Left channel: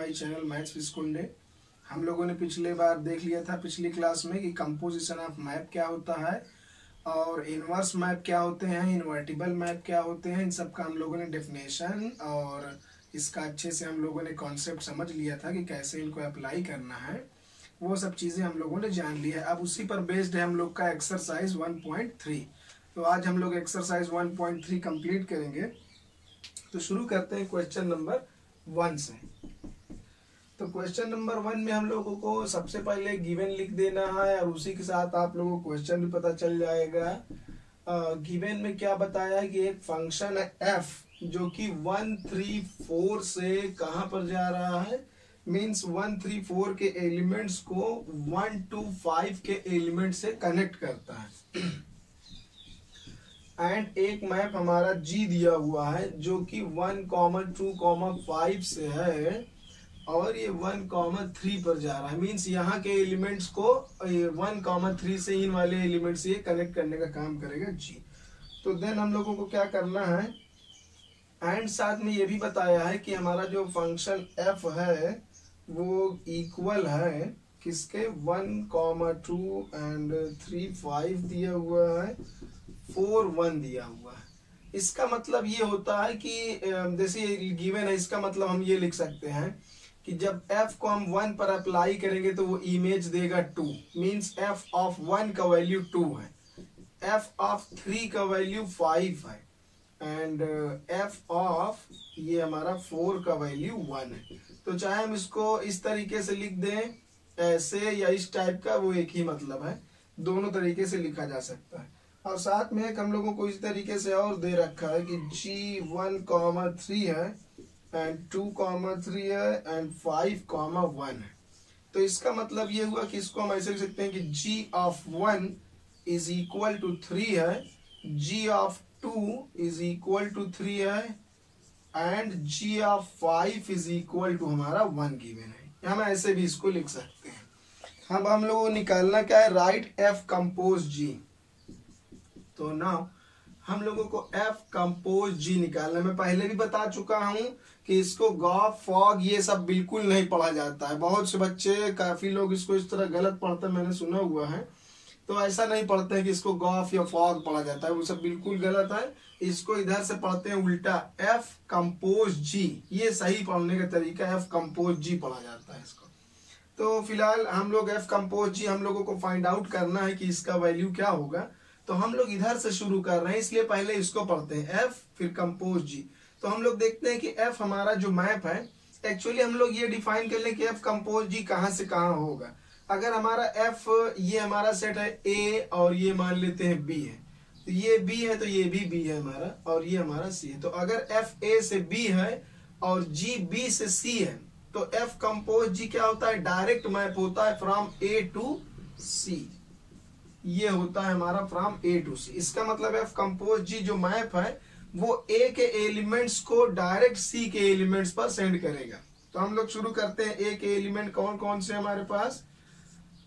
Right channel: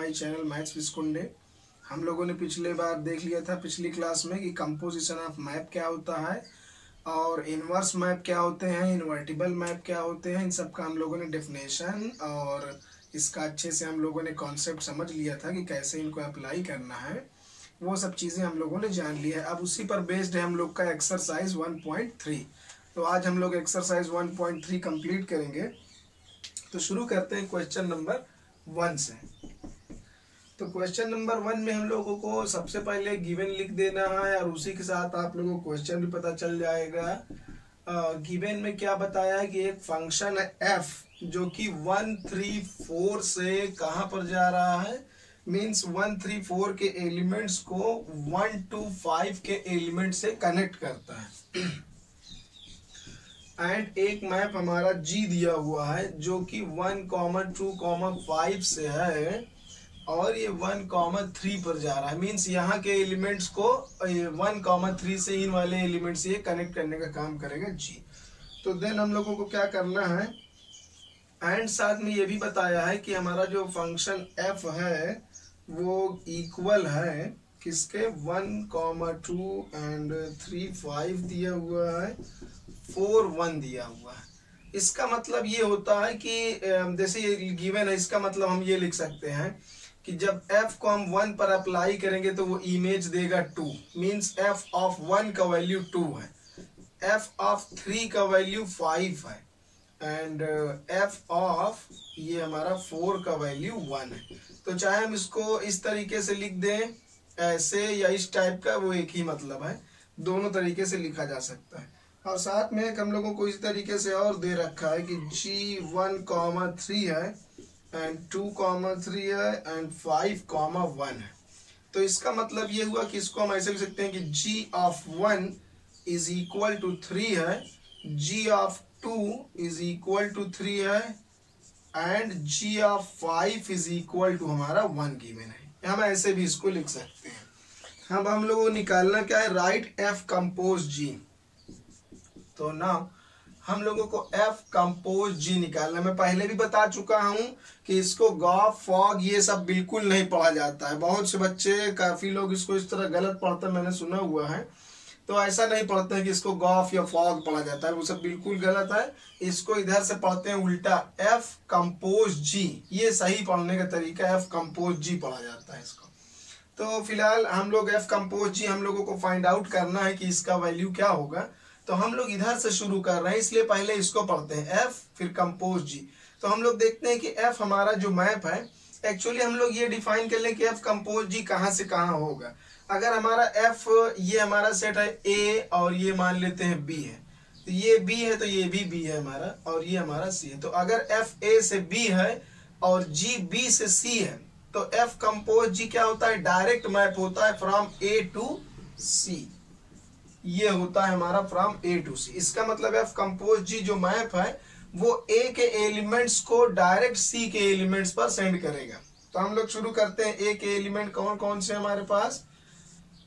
My channel maths with कुंडे। हम लोगों ने पिछले बार देख लिया था पिछली क्लास में कि कंपोजिशन ऑफ मैप क्या होता है और इन्वर्स मैप क्या होते हैं, इन्वर्टिबल मैप क्या होते हैं। इन सब का हम लोगों ने डेफिनेशन और इसका अच्छे से हम लोगों ने कॉन्सेप्ट समझ लिया था कि कैसे इनको अप्लाई करना है। वो सब चीज़ें हम लोगों ने जान ली है। अब उसी पर बेस्ड है हम लोग का एक्सरसाइज 1.3। तो आज हम लोग एक्सरसाइज 1.3 कंप्लीट करेंगे। तो शुरू करते हैं क्वेश्चन नंबर 1 से। तो क्वेश्चन नंबर 1 में हम लोगों को सबसे पहले गिवन लिख देना है और उसी के साथ आप लोगों को क्वेश्चन भी पता चल जाएगा। गिवन में क्या बताया है कि एक फंक्शन है f जो कि 1 3 4 से कहाँ पर जा रहा है, मीन्स 1 3 4 के एलिमेंट्स को 1 2 5 के एलिमेंट से कनेक्ट करता है। एंड एक मैप हमारा G दिया हुआ है जो कि 1, 2, 5 से है और ये 1, 3 पर जा रहा है। मीन्स यहाँ के एलिमेंट्स को 1, 3 से इन वाले एलिमेंट से ये कनेक्ट करने का काम करेगा G। तो देन हम लोगों को क्या करना है, एंड साथ में ये भी बताया है कि हमारा जो फंक्शन f है वो इक्वल है किसके, 1, 2 एंड 3 5 दिया हुआ है, 4 1 दिया हुआ है। इसका मतलब ये होता है कि जैसे ये गिवन है, इसका मतलब हम ये लिख सकते हैं कि जब f को हम 1 पर अप्लाई करेंगे तो वो इमेज देगा 2। मीन्स f ऑफ 1 का वैल्यू 2 है, f ऑफ 3 का वैल्यू 5 है एंड f ऑफ ये हमारा 4 का वैल्यू 1 है। तो चाहे हम इसको इस तरीके से लिख दें ऐसे या इस टाइप का, वो एक ही मतलब है, दोनों तरीके से लिखा जा सकता है। और साथ में एक हम लोगों को इस तरीके से और दे रखा है कि G1, 3 है एंड 2, 3 है एंड 5, 1 है। तो इसका मतलब ये हुआ कि इसको हम ऐसे लिख सकते हैं कि G of 1 is equal to 3 है, G of 2 is equal to 3 है and G of 5 is equal to हमारा 1 गिवन है। हम ऐसे भी इसको लिख सकते हैं। हम लोगों को निकालना क्या है, राइट f कंपोज G। तो नाउ हम लोगों को f कंपोज G निकालना। मैं पहले भी बता चुका हूं कि इसको गॉफ फॉग ये सब बिल्कुल नहीं पढ़ा जाता है। बहुत से बच्चे, काफी लोग इसको इस तरह गलत पढ़ते हैं, मैंने सुना हुआ है। तो ऐसा नहीं पढ़ते हैं कि इसको गॉफ या फॉग पढ़ा जाता है, वो सब बिल्कुल गलत है। इसको इधर से पढ़ते हैं उल्टा, f कंपोज G, ये सही पढ़ने का तरीका है, f कंपोज G पढ़ा जाता है इसको। तो फिलहाल हम लोग f कंपोज G हम लोगों को फाइंड आउट करना है कि इसका वैल्यू क्या होगा। तो हम लोग इधर से शुरू कर रहे हैं, इसलिए पहले इसको पढ़ते हैं f फिर कंपोज G। तो हम लोग देखते हैं कि f हमारा जो मैप है, एक्चुअली हम लोग ये डिफाइन कर लें कि f कंपोज G कहाँ से कहाँ होगा। अगर हमारा f ये हमारा सेट है A और ये मान लेते हैं B है, तो ये B है तो ये भी B है हमारा और ये हमारा C है। तो अगर f A से B है और G B से C है तो f कंपोज G क्या होता है, डायरेक्ट मैप होता है फ्रॉम A टू C। ये होता है हमारा फ्रॉम A टू C। इसका मतलब f कंपोज G जो मैप है वो A के एलिमेंट्स को डायरेक्ट C के एलिमेंट्स पर सेंड करेगा। तो हम लोग शुरू करते हैं। A के एलिमेंट कौन कौन से हमारे पास,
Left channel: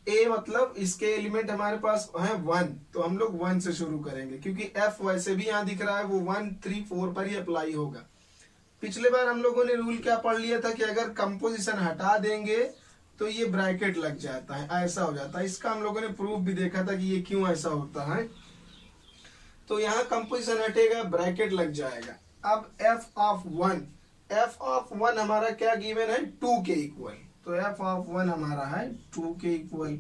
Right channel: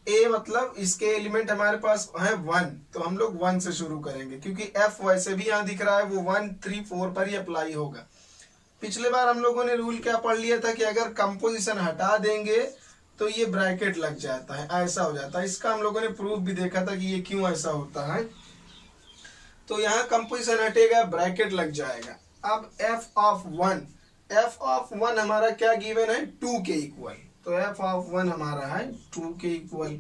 A मतलब इसके एलिमेंट हमारे पास है 1, तो हम लोग 1 से शुरू करेंगे क्योंकि f वैसे भी यहाँ दिख रहा है, वो 1 3 4 पर ही अप्लाई होगा। पिछले बार हम लोगों ने रूल क्या पढ़ लिया था कि अगर कंपोजिशन हटा देंगे तो ये ब्रैकेट लग जाता है, ऐसा हो जाता है। इसका हम लोगों ने प्रूफ भी देखा था कि ये क्यों ऐसा होता है। तो यहाँ कंपोजिशन हटेगा, ब्रैकेट लग जाएगा। अब f ऑफ 1 हमारा क्या गिवन है, 2 के इक्वल। तो f ऑफ 1 हमारा है 2 के इक्वल।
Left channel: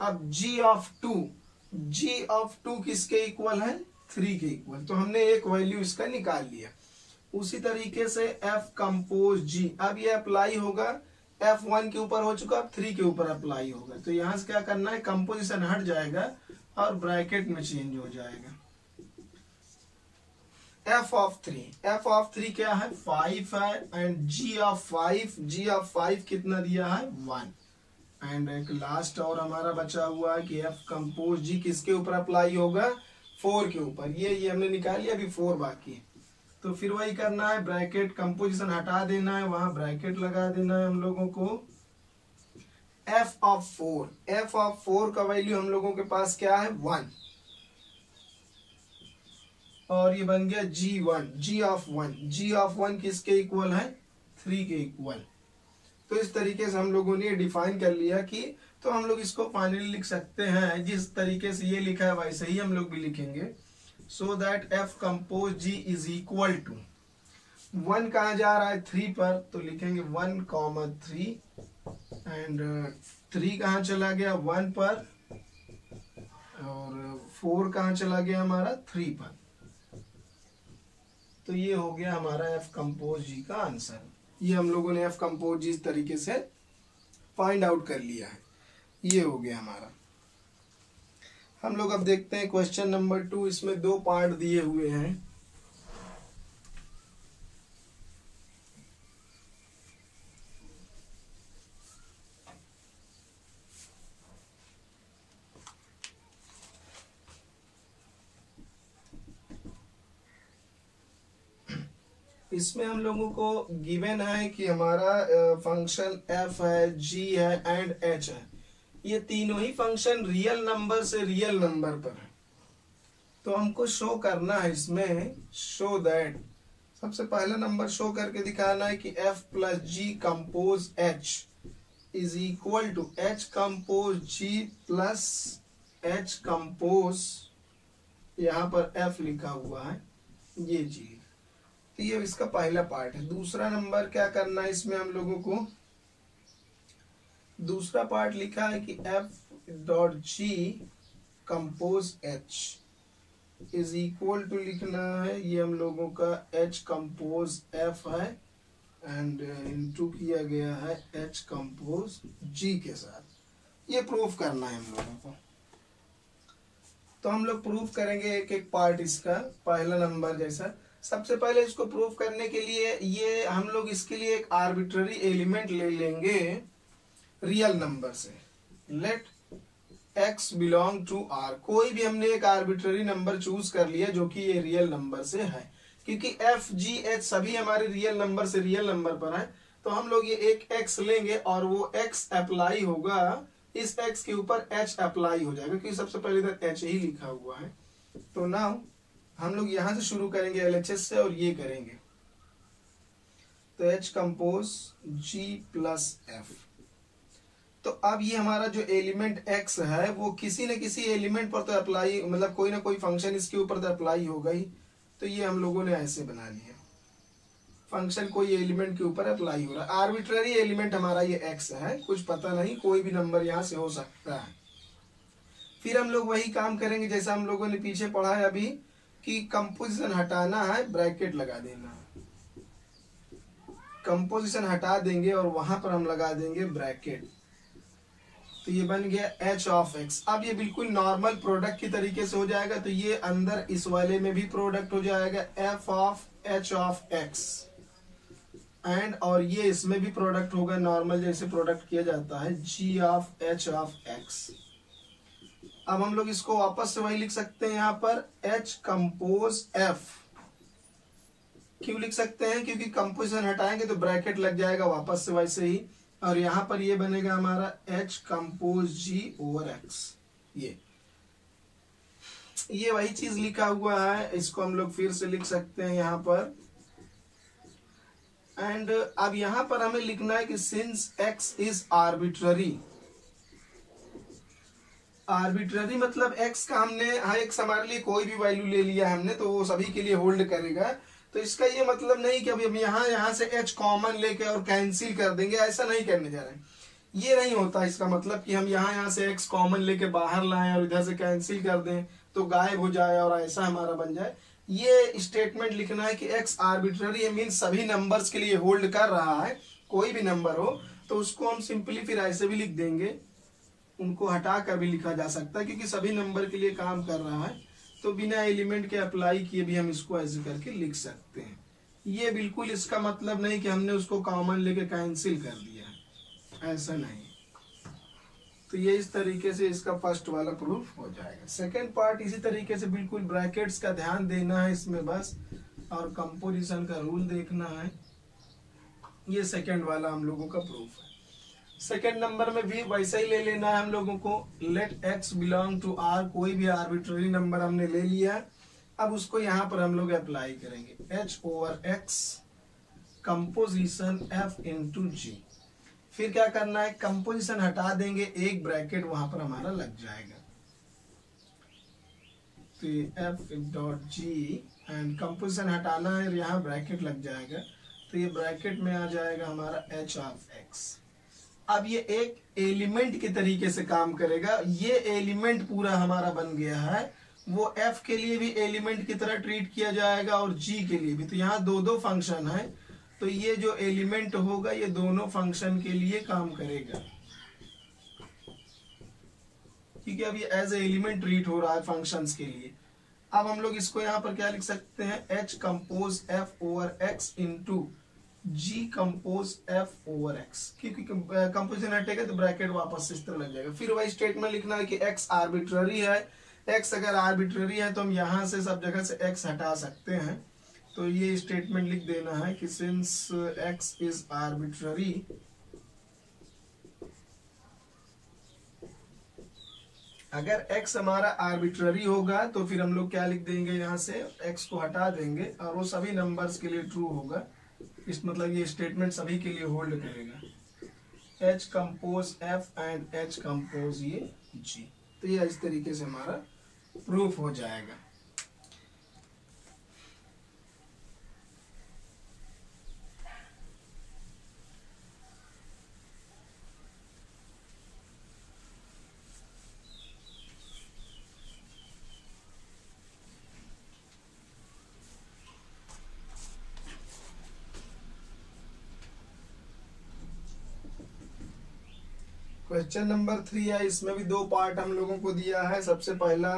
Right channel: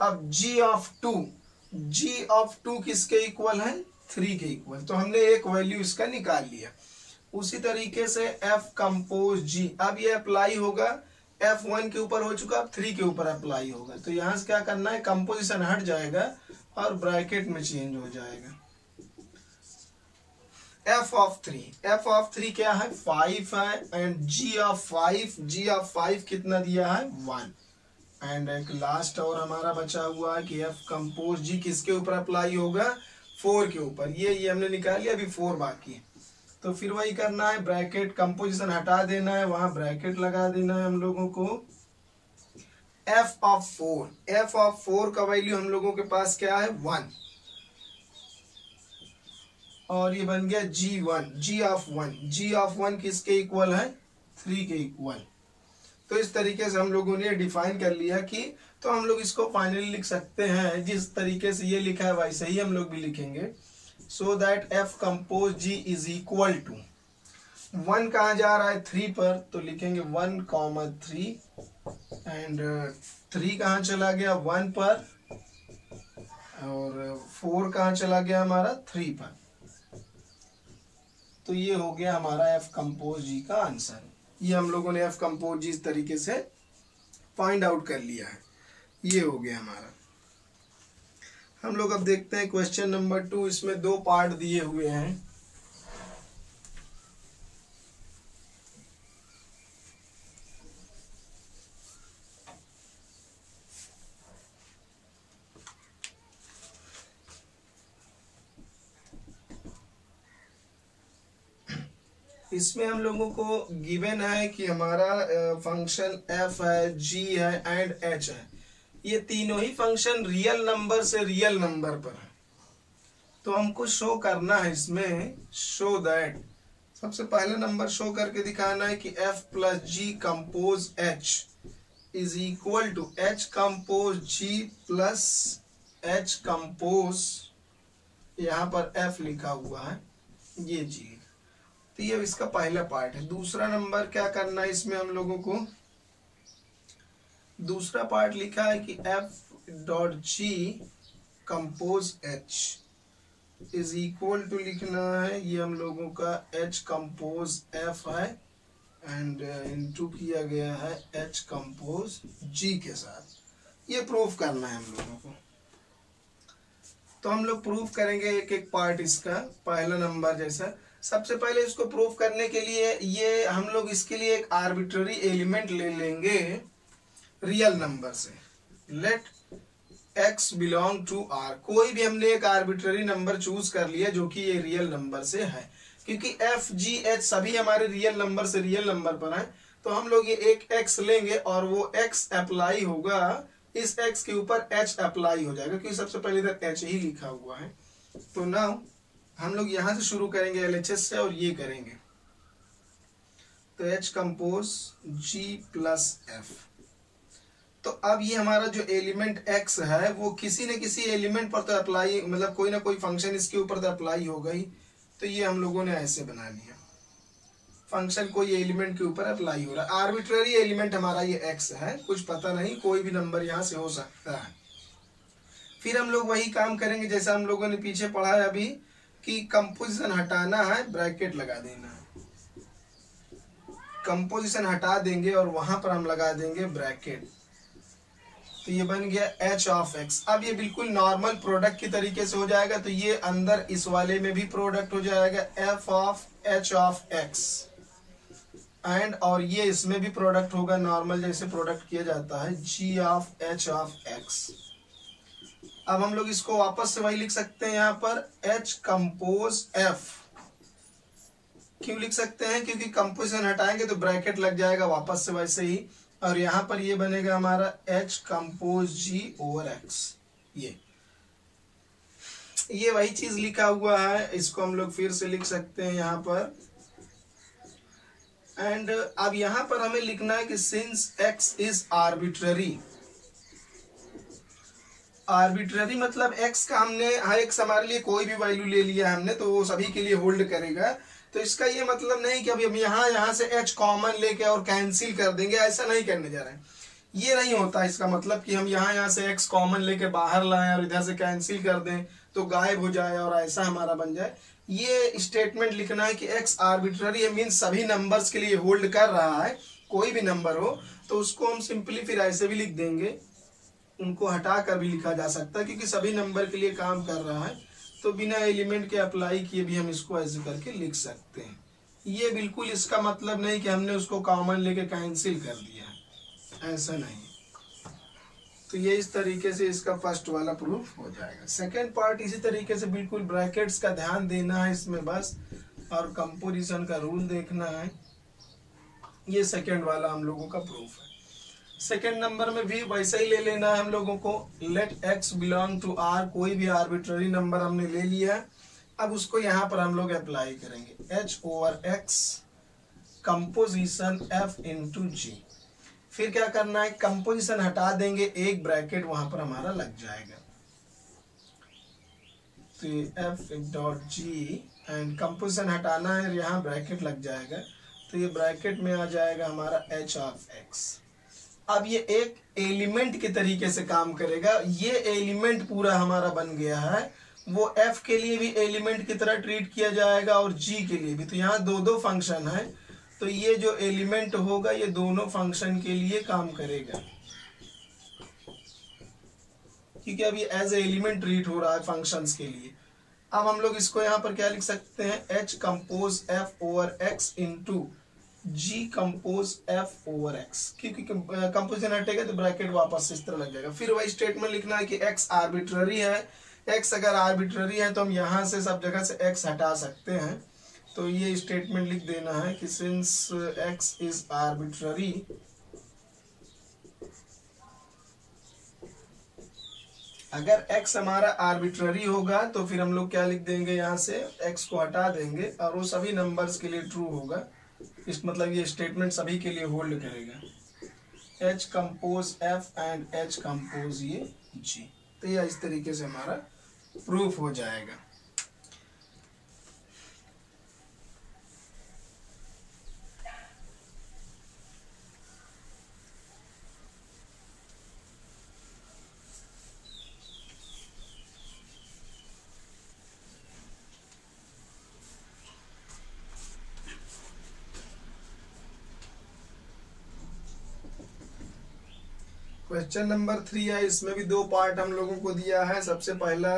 अब G ऑफ 2 किसके इक्वल है, 3 के इक्वल। तो हमने एक वैल्यू इसका निकाल लिया। उसी तरीके से f कंपोज G, अब ये अप्लाई होगा, f 1 के ऊपर हो चुका, अब 3 के ऊपर अप्लाई होगा। तो यहां से क्या करना है, कंपोजिशन हट जाएगा और ब्रैकेट में चेंज हो जाएगा। f ऑफ 3 क्या है, 5 है एंड G ऑफ 5 कितना दिया है, 1। एंड एक लास्ट और हमारा बचा हुआ है कि f कंपोज G किसके ऊपर अप्लाई होगा, 4 के ऊपर। ये हमने निकाल लिया, अभी 4 बाकी है। तो फिर वही करना है, ब्रैकेट कंपोजिशन हटा देना है, वहां ब्रैकेट लगा देना है हम लोगों को। f ऑफ 4 का वैल्यू हम लोगों के पास क्या है, 1 और ये बन गया G ऑफ 1 किसके इक्वल है, 3 के इक्वल। तो इस तरीके से हम लोगों ने डिफाइन कर लिया कि तो हम लोग इसको फाइनली लिख सकते हैं जिस तरीके से ये लिखा है वैसे ही हम लोग भी लिखेंगे। So that F compose G is equal to 1 कहाँ जा रहा है 3 पर, तो लिखेंगे 1,3 एंड 3 कहाँ चला गया 1 पर और 4 कहाँ चला गया हमारा 3 पर। तो ये हो गया हमारा एफ कंपोज जी का आंसर। ये हम लोगों ने एफ कंपोज जी इस तरीके से फाइंड आउट कर लिया है। ये हो गया हमारा। हम लोग अब देखते हैं क्वेश्चन नंबर 2। इसमें 2 पार्ट दिए हुए हैं। इसमें हम लोगों को गिवन है कि हमारा फंक्शन एफ है, जी है एंड एच है। ये तीनों ही फंक्शन रियल नंबर से रियल नंबर पर है। तो हमको शो करना है इसमें, शो दैट सबसे पहला नंबर शो करके दिखाना है कि F plus G compose H is equal to H compose G plus H compose, यहाँ पर एफ लिखा हुआ है, ये जी। तो ये इसका पहला पार्ट है। दूसरा नंबर क्या करना है इसमें हम लोगों को, दूसरा पार्ट लिखा है कि F dot G compose H is equal to लिखना है, ये हम लोगों का एच कंपोज एफ है एंड इनटू किया गया है एच कंपोज जी के साथ। ये प्रूफ करना है हम लोगों को। तो हम लोग प्रूफ करेंगे एक एक पार्ट इसका। पहला नंबर जैसा, सबसे पहले इसको प्रूफ करने के लिए ये हम लोग इसके लिए एक आर्बिट्ररी एलिमेंट ले लेंगे रियल नंबर से। Let x belong to r, कोई भी हमने एक आर्बिट्ररी नंबर चूज कर लिया जो कि ये रियल नंबर से है, क्योंकि f g h सभी हमारे रियल नंबर से रियल नंबर पर है। तो हम लोग ये एक x लेंगे और वो x अप्लाई होगा, इस x के ऊपर h अप्लाई हो जाएगा, क्योंकि सबसे पहले इधर h ही लिखा हुआ है। तो नाउ हम लोग यहां से शुरू करेंगे LHS से और ये करेंगे। तो H compose G plus F। तो अब ये हमारा जो एलिमेंट X है वो किसी न किसी एलिमेंट पर तो अप्लाई, मतलब कोई ना कोई फंक्शन इसके ऊपर तो अप्लाई होगा ही। तो ये हम लोगों ने ऐसे बना लिया, फंक्शन कोई एलिमेंट के ऊपर अप्लाई हो रहा है। आर्बिट्ररी एलिमेंट हमारा ये X है, कुछ पता नहीं, कोई भी नंबर यहां से हो सकता है। फिर हम लोग वही काम करेंगे जैसा हम लोगों ने पीछे पढ़ा है अभी, कि कंपोजिशन हटाना है, ब्रैकेट लगा देना। कंपोजिशन हटा देंगे और वहां पर हम लगा देंगे ब्रैकेट। तो ये बन गया h ऑफ x। अब ये बिल्कुल नॉर्मल प्रोडक्ट की तरीके से हो जाएगा। तो ये अंदर इस वाले में भी प्रोडक्ट हो जाएगा f of h of x and, और ये इसमें भी प्रोडक्ट होगा नॉर्मल जैसे प्रोडक्ट किया जाता है, g of h of x। अब हम लोग इसको वापस से वही लिख सकते हैं, यहाँ पर h कंपोज f। क्यों लिख सकते हैं, क्योंकि कंपोजिशन हटाएंगे तो ब्रैकेट लग जाएगा वापस से वैसे ही, और यहाँ पर ये बनेगा हमारा h compose g over x। ये वही चीज लिखा हुआ है, इसको हम लोग फिर से लिख सकते हैं यहाँ पर। एंड अब यहाँ पर हमें लिखना है कि since x is arbitrary. Arbitrary मतलब x का हमने हर एक हमारे लिए कोई भी वैल्यू ले लिया हमने, तो वो सभी के लिए होल्ड करेगा। तो इसका ये मतलब नहीं कि अभी हम यहाँ से h कॉमन लेके और कैंसिल कर देंगे, ऐसा नहीं करने जा रहे हैं। ये नहीं होता इसका मतलब कि हम यहाँ से x कॉमन लेके बाहर लाएं और इधर से कैंसिल कर दें तो गायब हो जाए और ऐसा हमारा बन जाए। ये स्टेटमेंट लिखना है कि x आर्बिट्ररी है, मीन सभी नंबर्स के लिए होल्ड कर रहा है, कोई भी नंबर हो तो उसको हम सिंपली फिर ऐसे भी लिख देंगे, उनको हटा कर भी लिखा जा सकता है क्योंकि सभी नंबर के लिए काम कर रहा है। तो बिना एलिमेंट के अप्लाई किए भी हम इसको ऐसे करके लिख सकते हैं। ये बिल्कुल इसका मतलब नहीं कि हमने उसको कॉमन लेके कैंसिल कर दिया, ऐसा नहीं। तो ये इस तरीके से इसका फर्स्ट वाला प्रूफ हो जाएगा। सेकेंड पार्ट इसी तरीके से बिल्कुल ब्रैकेट्स का ध्यान देना है इसमें बस, और कंपोजिशन का रूल देखना है। ये सेकेंड वाला हम लोगों का प्रूफ है। सेकेंड नंबर में भी वैसा ही ले लेना है हम लोगों को। Let x belong to r, कोई भी आर्बिट्ररी नंबर हमने ले लिया, अब उसको यहाँ पर हम लोग अप्लाई करेंगे। h over x composition f into g. फिर क्या करना है, कंपोजिशन हटा देंगे, एक ब्रैकेट वहां पर हमारा लग जाएगा। तो F dot ji and composition हटाना है, यहाँ ब्रैकेट लग जाएगा, तो ये ब्रैकेट में आ जाएगा हमारा एच ऑफ एक्स। अब ये एक एलिमेंट के तरीके से काम करेगा, ये एलिमेंट पूरा हमारा बन गया है, वो एफ के लिए भी एलिमेंट की तरह ट्रीट किया जाएगा और जी के लिए भी। तो यहाँ दो दो फंक्शन है, तो ये जो एलिमेंट होगा ये दोनों फंक्शन के लिए काम करेगा, क्योंकि अब ये एज ए एलिमेंट ट्रीट हो रहा है फंक्शंस के लिए। अब हम लोग इसको यहाँ पर क्या लिख सकते हैं, h compose f over x into g compose f over x, क्योंकि कंपोजिशन हटेगा तो ब्रैकेट वापस इस तरह लग जाएगा। फिर वही स्टेटमेंट लिखना है कि एक्स आर्बिट्ररी है, एक्स अगर आर्बिट्ररी है तो हम यहाँ से सब जगह से एक्स हटा सकते हैं, तो ये स्टेटमेंट लिख देना है कि सिंस एक्स इज आर्बिट्ररी अगर x हमारा आर्बिट्ररी होगा तो फिर हम लोग क्या लिख देंगे, यहाँ से x को हटा देंगे और वो सभी नंबर्स के लिए ट्रू होगा। इस मतलब ये स्टेटमेंट सभी के लिए होल्ड करेगा, h compose f and h compose ये g। तो ये इस तरीके से हमारा प्रूफ हो जाएगा। क्वेश्चन नंबर 3 है, इसमें भी दो पार्ट हम लोगों को दिया है। सबसे पहला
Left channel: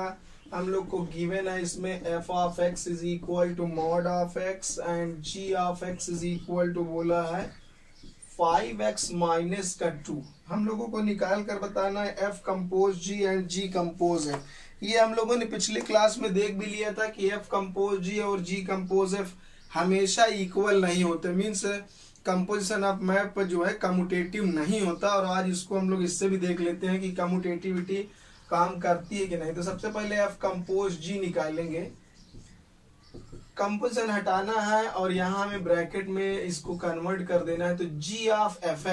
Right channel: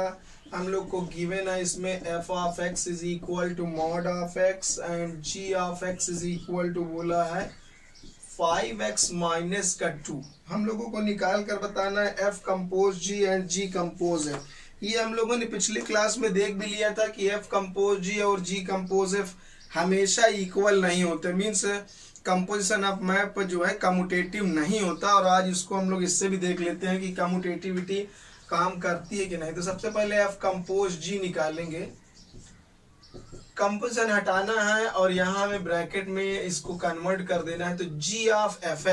हम लोग को गिवन है इसमें f of x is equal to mod of x and g of x is equal to बोला है 5x माइनस का 2। हम लोगों को निकाल कर बताना है f compose g and g compose f। ये हम लोगों ने पिछली क्लास में देख भी लिया था कि f कंपोज g और g कंपोज f हमेशा इक्वल नहीं होते, मीन्स कंपोजिशन ऑफ मैप जो है कम्यूटेटिव नहीं होता। और आज इसको हम लोग इससे भी देख लेते हैं कि कम्यूटेटिविटी काम करती है कि नहीं। तो सबसे पहले एफ कंपोज जी निकालेंगे, कंपोजिशन हटाना है और यहाँ हमें ब्रैकेट में इसको कन्वर्ट कर देना है। तो जी ऑफ एफ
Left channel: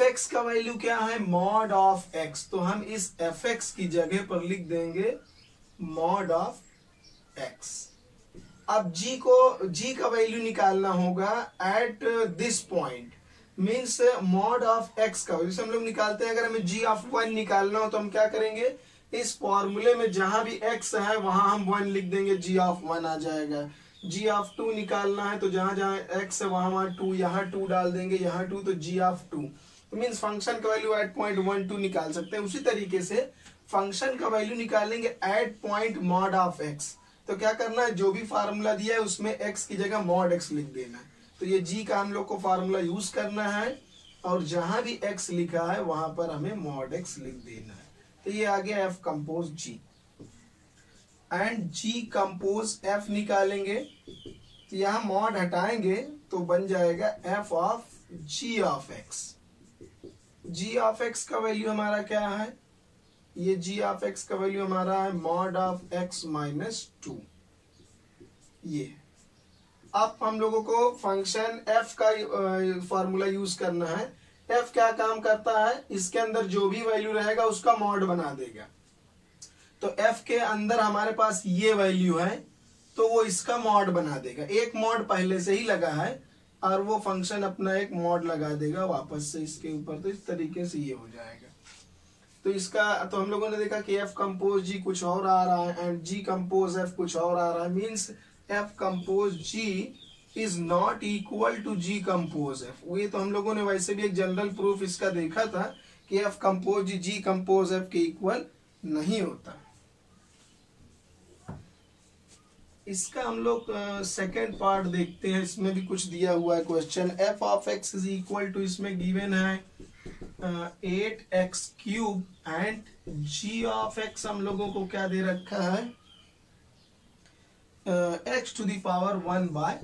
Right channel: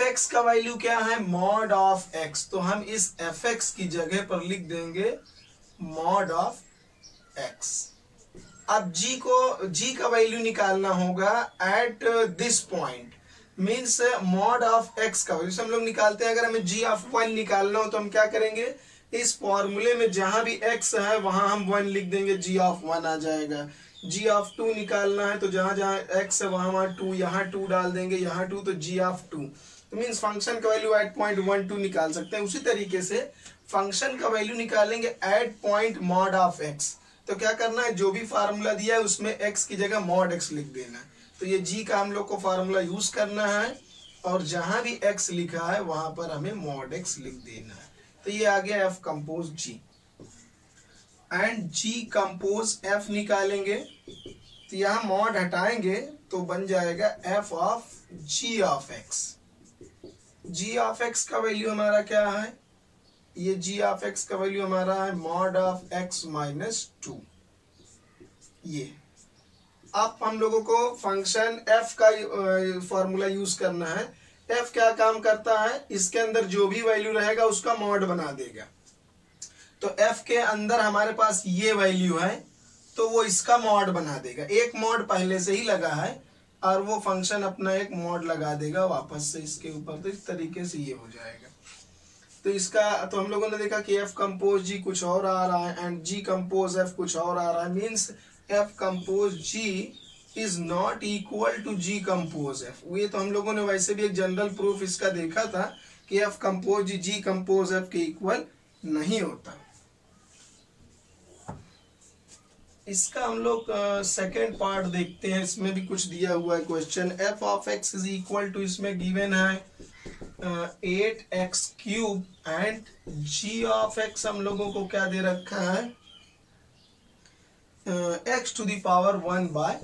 एक्स का वैल्यू क्या है, मॉड ऑफ एक्स। तो हम इस एफ एक्स की जगह पर लिख देंगे मॉड ऑफ एक्स। अब जी का वैल्यू निकालना होगा at this point, means mod of x का वैल्यू हम लोग निकालते हैं। अगर हमें जी ऑफ 1 निकालना हो तो हम क्या करेंगे, इस फॉर्मूले में जहां भी x है वहां हम 1 लिख देंगे, जी ऑफ 1 आ जाएगा। जी ऑफ 2 निकालना है तो जहां जहां x है वहां 2, यहाँ 2 डाल देंगे, यहाँ 2, तो जी ऑफ 2। तो मीन्स फंक्शन का वैल्यू एट पॉइंट 1 2 निकाल सकते हैं। उसी तरीके से फंक्शन का वैल्यू निकालेंगे at point mod of x. तो क्या करना है, जो भी फार्मूला दिया है उसमें x की जगह मॉड x लिख देना है। तो ये g का हम लोग को फार्मूला यूज करना है और जहां भी x लिखा है वहां पर हमें मॉड x लिख देना है। तो ये आ गया f compose g and g compose f निकालेंगे। तो यहाँ मॉड हटाएंगे तो बन जाएगा f of g of x। g of x का वैल्यू हमारा क्या है, ये g ऑफ x का वैल्यू हमारा है मॉड ऑफ x माइनस 2। ये अब हम लोगों को फंक्शन f का फॉर्मूला यूज करना है। f क्या काम करता है, इसके अंदर जो भी वैल्यू रहेगा उसका मॉड बना देगा। तो f के अंदर हमारे पास ये वैल्यू है तो वो इसका मॉड बना देगा। एक मॉड पहले से ही लगा है और वो फंक्शन अपना एक मॉड लगा देगा वापस से इसके ऊपर। तो इस तरीके से ये हो जाएगा। तो इसका तो हम लोगों ने देखा कि f कंपोज जी कुछ और आ रहा है एंड g कंपोज f कुछ और आ रहा है, means f compose g is not equal to g compose f। ये तो हम लोगों ने वैसे भी एक जनरल प्रूफ इसका देखा था कि f compose g compose f के इक्वल नहीं होता। इसका हम लोग सेकेंड पार्ट देखते हैं, इसमें भी कुछ दिया हुआ है question. f of x is equal to, इसमें गिवन है 8x cube and g of x हम लोगों को क्या दे रखा है, x टू द पावर 1/3।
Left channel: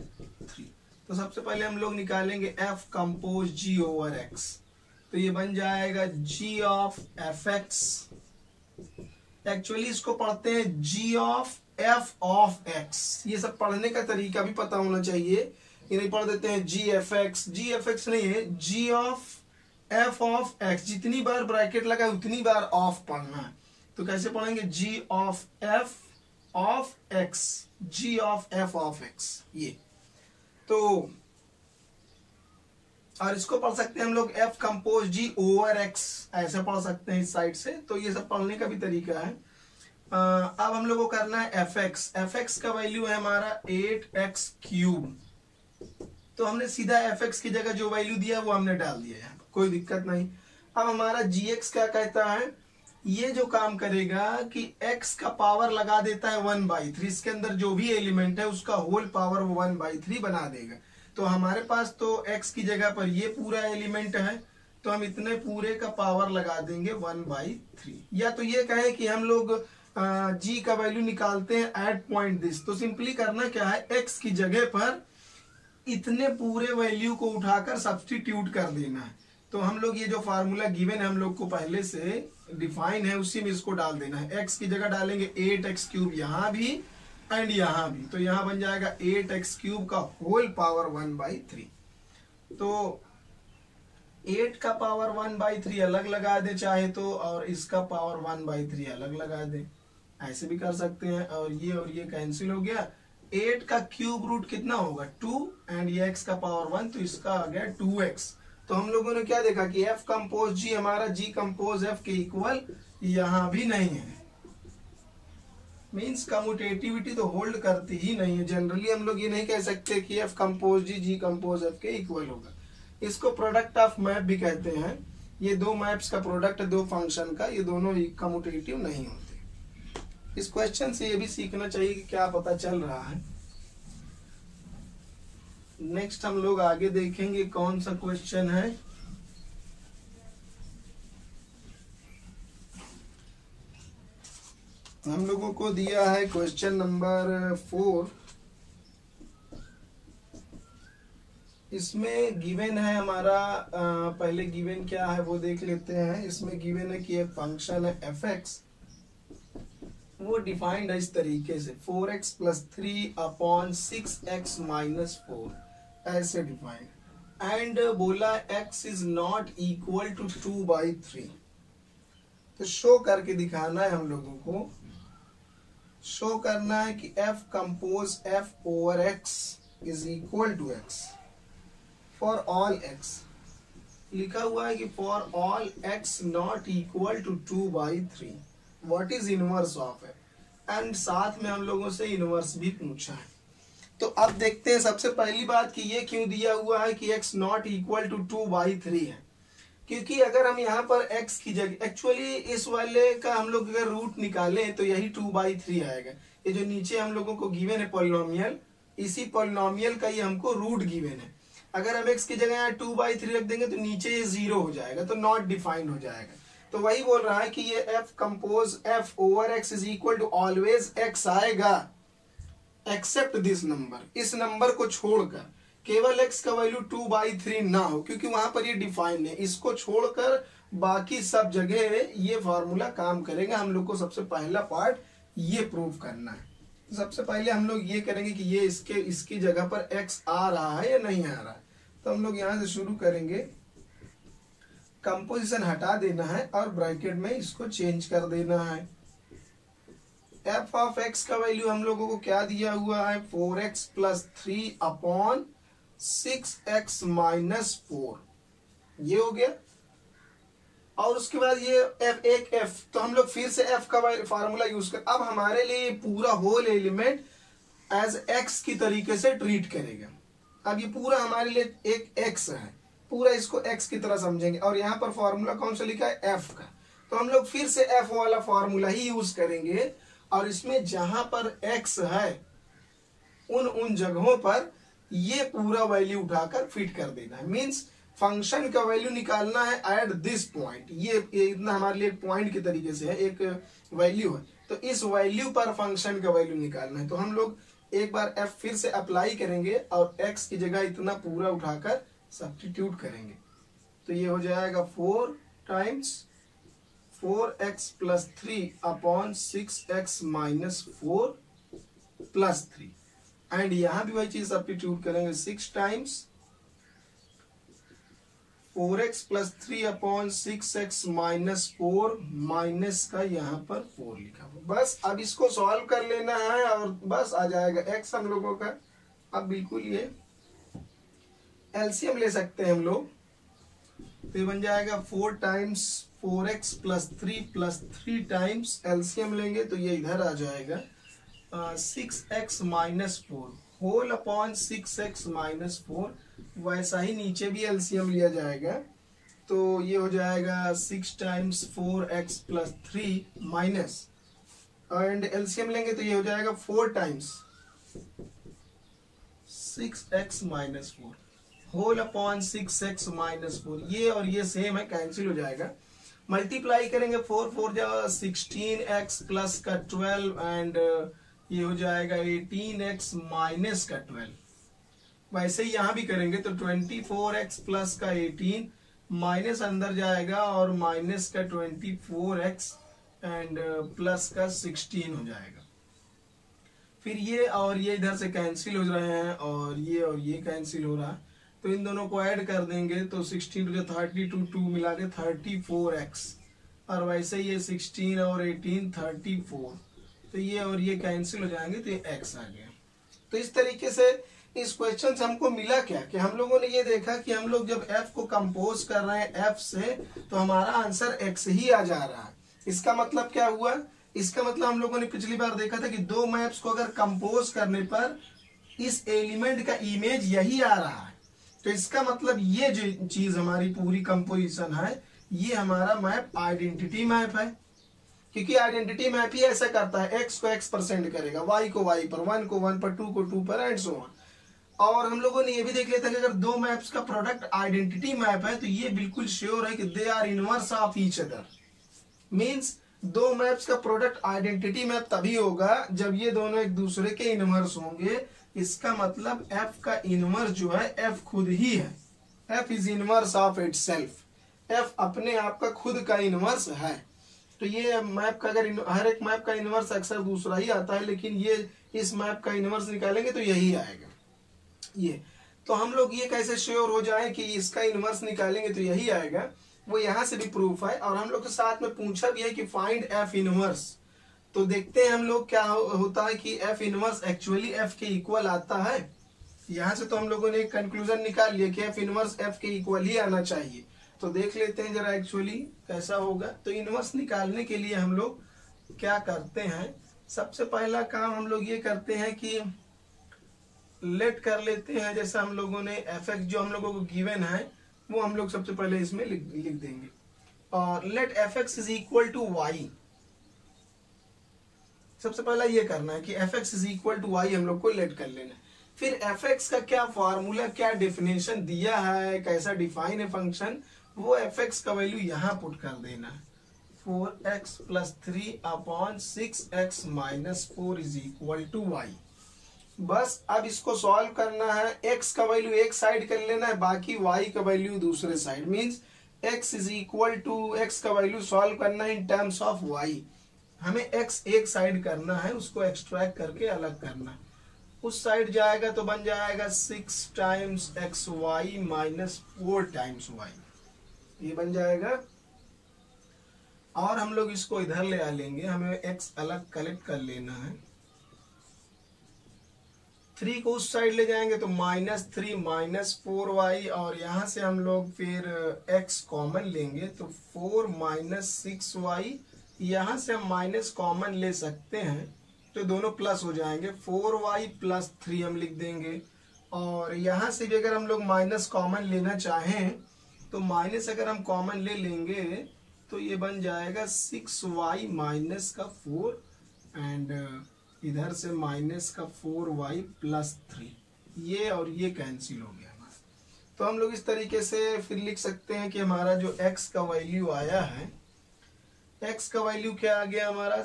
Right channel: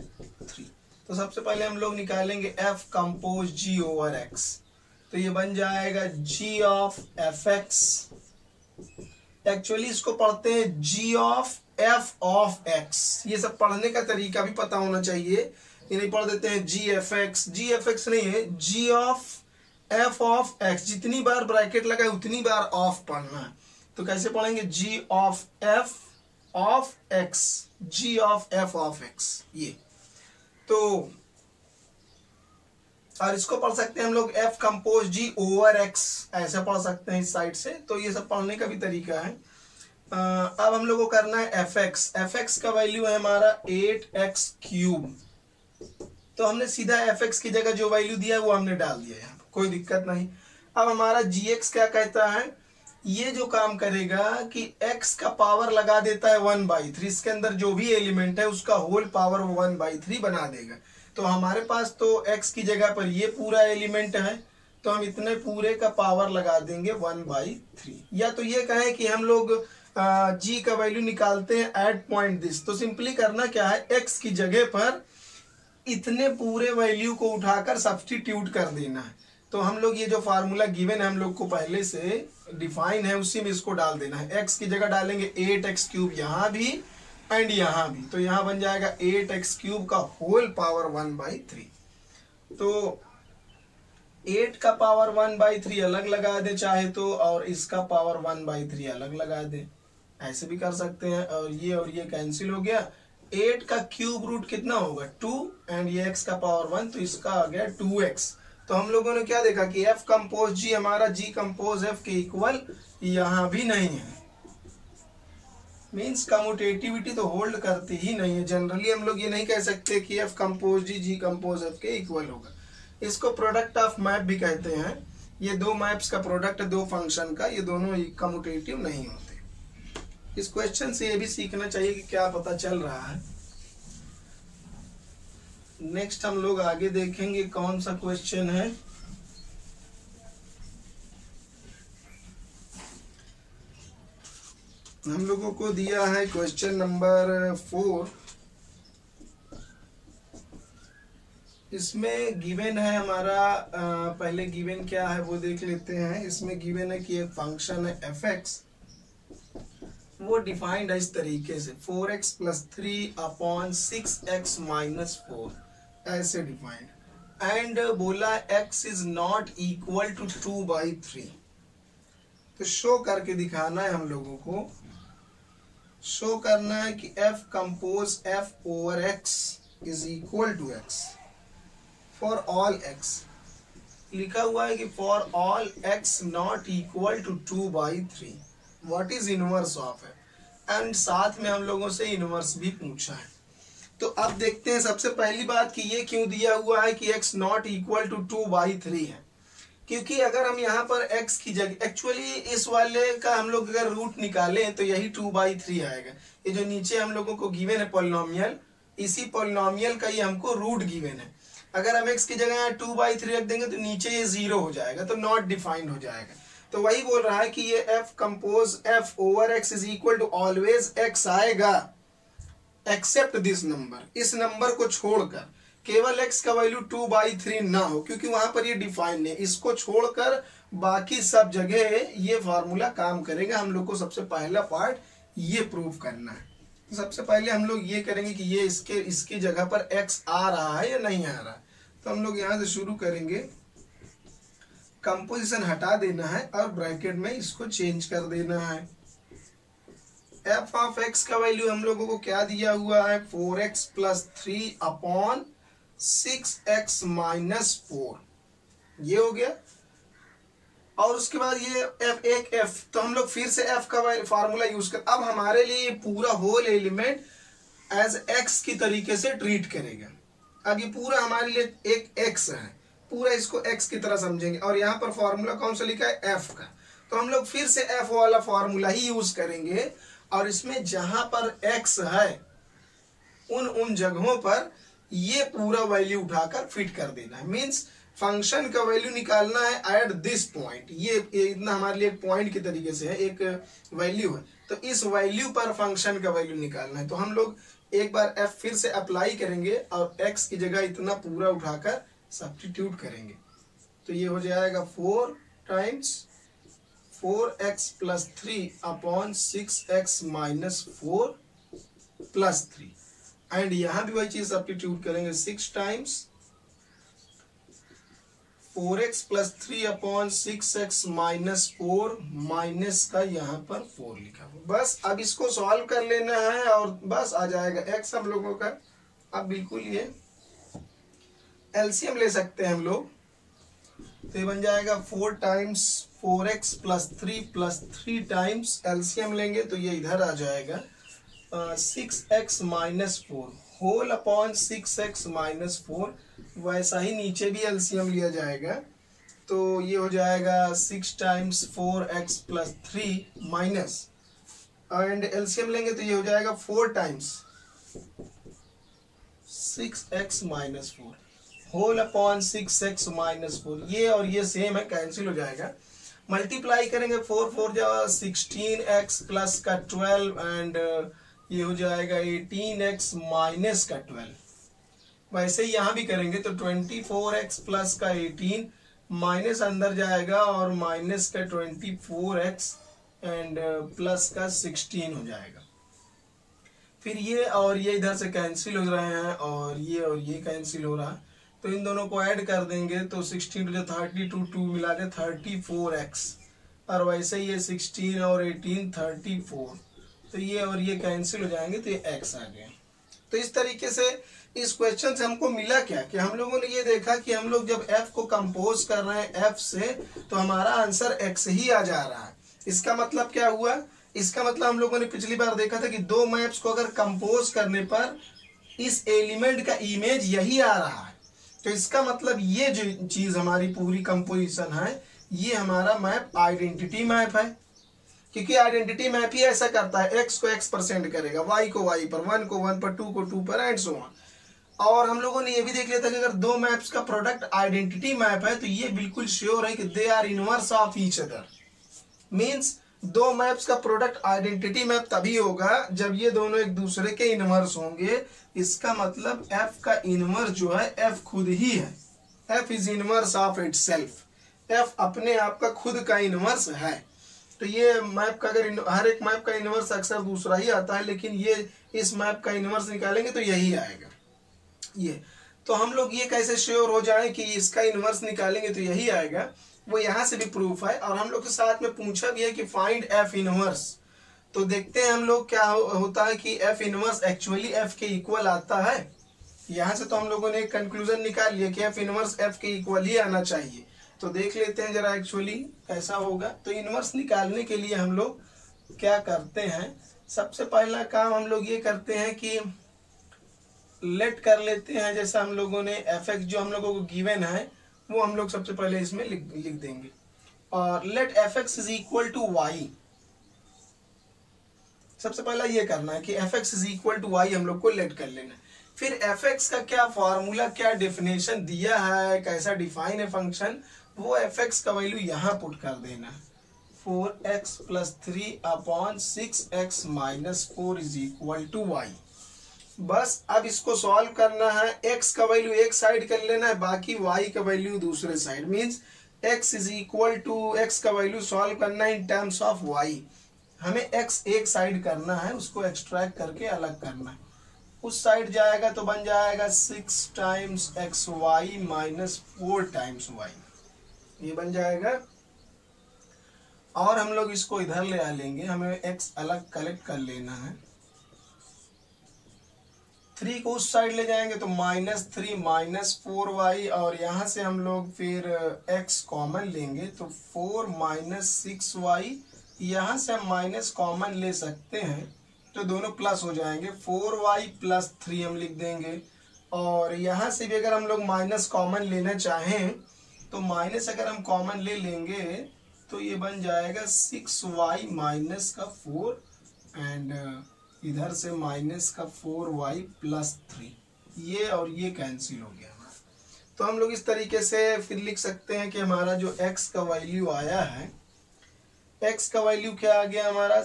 तो सबसे पहले हम लोग निकालेंगे f compose g over x। तो ये बन जाएगा g ऑफ fx। एक्चुअली इसको पढ़ते हैं g of f of x। ये सब पढ़ने का तरीका भी पता होना चाहिए इन्हें पढ़ देते हैं जी एफ एक्स। जी एफ एक्स नहीं है, जी ऑफ एफ ऑफ एक्स। जितनी बार ब्रैकेट लगा है उतनी बार ऑफ पढ़ना है। तो कैसे पढ़ेंगे, g of f of x, g of f of x ये। तो और इसको पढ़ सकते हैं हम लोग f compose g over x, ऐसे पढ़ सकते हैं इस साइड से। तो ये सब पढ़ने का भी तरीका है। अब हम लोग को करना है एफ एक्स। एफ एक्स का वैल्यू है हमारा 8x³। तो हमने सीधा एफ एक्स की जगह जो वैल्यू दिया है वो हमने डाल दिया है, कोई दिक्कत नहीं। अब हमारा जी एक्स क्या कहता है, ये जो काम करेगा कि x का पावर लगा देता है 1/3, इसके अंदर जो भी एलिमेंट है उसका होल पावर वो 1/3 बना देगा। तो हमारे पास तो x की जगह पर ये पूरा एलिमेंट है, तो हम इतने पूरे का पावर लगा देंगे 1/3। या तो ये कहें कि हम लोग g का वैल्यू निकालते हैं एट पॉइंट दिस। तो सिंपली करना क्या है, x की जगह पर इतने पूरे वैल्यू को उठाकर सब्स्टिट्यूट कर देना है। तो हम लोग ये जो फार्मूला गिवन है हम लोग को पहले से डिफाइन है, उसी में इसको डाल देना है। x की जगह डालेंगे 8x³ यहाँ भी एंड यहाँ भी, तो यहाँ बन जाएगा 8x³ का होल पावर 1/3। तो 8 का पावर 1/3 अलग लगा दे चाहे तो, और इसका पावर 1/3 अलग लगा दे, ऐसे भी कर सकते हैं। और ये कैंसिल हो गया। 8 का क्यूब रूट कितना होगा 2, एंड ये x का पावर 1, तो इसका आ गया 2x। तो हम लोगों ने क्या देखा कि f कंपोज g हमारा g कंपोज f के इक्वल यहां भी नहीं है। मींस कम्यूटेटिविटी तो होल्ड करती ही नहीं है। जनरली हम लोग ये नहीं कह सकते कि f compose g compose f के इक्वल होगा। इसको प्रोडक्ट ऑफ मैप भी कहते हैं। ये दो मैप्स का प्रोडक्ट, दो फंक्शन का, ये दोनों कम्यूटेटिव नहीं होते। इस क्वेश्चन से ये भी सीखना चाहिए कि क्या पता चल रहा है। नेक्स्ट हम लोग आगे देखेंगे कौन सा क्वेश्चन है। हम लोगों को दिया है क्वेश्चन नंबर 4। इसमें गिवन है हमारा पहले गिवन क्या है वो देख लेते हैं। इसमें गिवन है कि एक फंक्शन है एफ एक्स, वो डिफाइंड है इस तरीके से 4x + 3/6x - 4, ऐसे डिफाइंड। एंड बोला x is not equal to 2/3। तो शो करके दिखाना है हम लोगों को। शो करना है कि f compose f over x is equal to x for all x। लिखा हुआ है कि for all x not equal to 2/3 what is inverse of है, एंड साथ में हम लोगों से इनवर्स भी पूछा है। तो अब देखते हैं सबसे पहली बात कि ये क्यों दिया हुआ है कि x नॉट इक्वल टू 2/3 है। क्योंकि अगर हम यहाँ पर x की जगह, एक्चुअली इस वाले का हम लोग अगर रूट निकालें तो यही 2/3 आएगा। ये जो नीचे हम लोगों को गिवन है पॉलिनोमियल, इसी पॉलिनोमियल का ये हमको रूट गिवन है। अगर हम x की जगह यहाँ 2/3 रख देंगे तो नीचे ये 0 हो जाएगा, तो नॉट डिफाइंड हो जाएगा। तो वही बोल रहा है कि ये f compose f over x is equal to always x आएगा एक्सेप्ट दिस नंबर, इस नंबर को छोड़कर। केवल x का वैल्यू 2/3 ना हो, क्योंकि वहां पर ये डिफाइंड है। इसको छोड़कर बाकी सब जगह ये फार्मूला काम करेगा। हम लोग को सबसे पहला पार्ट ये प्रूव करना है। सबसे पहले हम लोग ये करेंगे कि ये इसकी जगह पर x आ रहा है या नहीं आ रहा है। तो हम लोग यहां से शुरू करेंगे, कंपोजिशन हटा देना है और ब्रैकेट में इसको चेंज कर देना है। f ऑफ x का वैल्यू हम लोगों को क्या दिया हुआ है 4x + 3/6x - 4, ये हो गया। और उसके बाद ये f, तो हम लोग फिर से f का फार्मूला यूज कर, अब हमारे लिए ये पूरा होल एलिमेंट एज x की तरीके से ट्रीट करेगा। अब ये पूरा हमारे लिए एक x है, पूरा इसको x की तरह समझेंगे। और यहाँ पर फॉर्मूला कौन सा लिखा है f का, तो हम लोग फिर से f वाला फॉर्मूला ही यूज करेंगे। और इसमें जहां पर x है उन जगहों पर ये पूरा वैल्यू उठाकर फिट कर देना है। मींस फंक्शन का वैल्यू निकालना है एट दिस पॉइंट। ये इतना हमारे लिए एक पॉइंट के तरीके से है, एक वैल्यू है, तो इस वैल्यू पर फंक्शन का वैल्यू निकालना है। तो हम लोग एक बार f फिर से अप्लाई करेंगे और x की जगह इतना पूरा उठाकर सब्स्टिट्यूट करेंगे। तो ये हो जाएगा 4 टाइम्स 4x + 3/6x - 4 + 3 एंड यहाँ भी वही चीज सब्स्टिट्यूट करेंगे 6 times 4x plus 3 upon 6x minus 4 minus का यहाँ पर 4 लिखा हुआ। बस अब इसको सॉल्व कर लेना है और बस आ जाएगा x हम लोगों का। अब बिल्कुल ये एलसीएम ले सकते हैं हम लोग, तो ये बन जाएगा 4 times 4x plus 3 times LCM लेंगे तो ये इधर आ जाएगा 6x minus 4 whole upon 6x minus 4। वैसा ही नीचे भी एलसीएम लिया जाएगा तो ये हो जाएगा 6 times 4x plus 3 minus and LCM लेंगे तो ये हो जाएगा 4 times 6x minus 4 whole upon 6x minus 4। ये और ये सेम है, कैंसिल हो जाएगा। मल्टीप्लाई करेंगे 4 जा 16x प्लस का 12 एंड ये हो जाएगा 18x माइनस का 12। वैसे ही यहाँ भी करेंगे तो 24x प्लस का 18 माइनस अंदर जाएगा और माइनस का 24x एंड प्लस का 16 हो जाएगा। फिर ये और ये इधर से कैंसिल हो रहे हैं और ये कैंसिल हो रहा है तो इन दोनों को ऐड कर देंगे तो 16 जो 32 2 मिला के 34x और वैसे ये 16 और 18 34 तो ये और ये कैंसिल हो जाएंगे तो ये x आ गया। तो इस तरीके से इस क्वेश्चन से हमको मिला क्या कि हम लोगों ने ये देखा कि हम लोग जब f को कंपोज कर रहे हैं f से तो हमारा आंसर x ही आ जा रहा है। इसका मतलब क्या हुआ, इसका मतलब हम लोगों ने पिछली बार देखा था कि दो मैप्स को अगर कंपोज करने पर इस एलिमेंट का इमेज यही आ रहा है तो इसका मतलब ये जो चीज हमारी पूरी कंपोजिशन है ये हमारा मैप आइडेंटिटी मैप है, क्योंकि आइडेंटिटी मैप ही ऐसा करता है x को x% करेगा, y को y पर, 1 को 1 पर, 2 को 2 पर एंड सो ऑन। और हम लोगों ने ये भी देख लिया था कि अगर दो मैप्स का प्रोडक्ट आइडेंटिटी मैप है तो ये बिल्कुल श्योर है कि they are inverse of each other. Means दो मैप्स का प्रोडक्ट आइडेंटिटी मैप तभी होगा जब ये दोनों एक दूसरे के इनवर्स होंगे। इसका मतलब f का इनवर्स जो है f खुद ही है, f is inverse of itself, f अपने आप का खुद का इनवर्स है। तो ये मैप का अगर हर एक मैप का इनवर्स अक्सर दूसरा ही आता है लेकिन ये इस मैप का इनवर्स निकालेंगे तो यही आएगा ये। तो हम लोग ये कैसे श्योर हो जाए कि इसका इनवर्स निकालेंगे तो यही आएगा, वो यहाँ से भी प्रूफ है। और हम लोग के साथ में पूछा भी है कि फाइंड f इनवर्स, तो देखते हैं हम लोग क्या होता है कि f इनवर्स एक्चुअली f के इक्वल आता है। यहाँ से तो हम लोगों ने एक कंक्लूजन निकाल लिया कि f इनवर्स f के इक्वल ही आना चाहिए। तो देख लेते हैं जरा एक्चुअली कैसा होगा। तो इनवर्स निकालने के लिए हम लोग क्या करते हैं, सबसे पहला काम हम लोग ये करते हैं कि लेट कर लेते हैं, जैसा हम लोगों ने fx जो हम लोगों को गिवन है वो हम लोग सबसे पहले इसमें लिख देंगे और let fx is equal to y। सबसे पहला ये करना है कि fx is equal to y हम लोग को लेट कर लेना है। फिर fx का क्या फॉर्मूला, क्या डेफिनेशन दिया है, कैसा डिफाइन है फंक्शन, वो fx का वैल्यू यहाँ पुट कर देना है। 4x plus 3 upon 6x minus 4 is equal to y। बस अब इसको सॉल्व करना है, x का वैल्यू एक साइड कर लेना है, बाकी y का वैल्यू दूसरे side. Means x is equal to x का वैल्यू सॉल्व करना है इन टर्म्स ऑफ y। हमें x एक साइड करना है, उसको एक्सट्रैक्ट करके अलग करना है। उस साइड जाएगा तो बन जाएगा 6 times xy minus 4 times y, ये बन जाएगा। और हम लोग इसको इधर ले आ लेंगे, हमें x अलग कलेक्ट कर लेना है। 3 को उस साइड ले जाएंगे तो -3 माइनस 4y और यहाँ से हम लोग फिर x कॉमन लेंगे तो 4 माइनस 6y, यहाँ से हम माइनस कॉमन ले सकते हैं तो दोनों प्लस हो जाएंगे। 4y प्लस 3 हम लिख देंगे और यहाँ से भी अगर हम लोग माइनस कॉमन लेना चाहें तो माइनस अगर हम कॉमन ले लेंगे तो ये बन जाएगा 6y माइनस का 4 एंड इधर से माइनस का 4y प्लस 3, ये और ये कैंसिल हो गया हमारा। तो हम लोग इस तरीके से फिर लिख सकते हैं कि हमारा जो x का वैल्यू आया है, x का वैल्यू क्या आ गया हमारा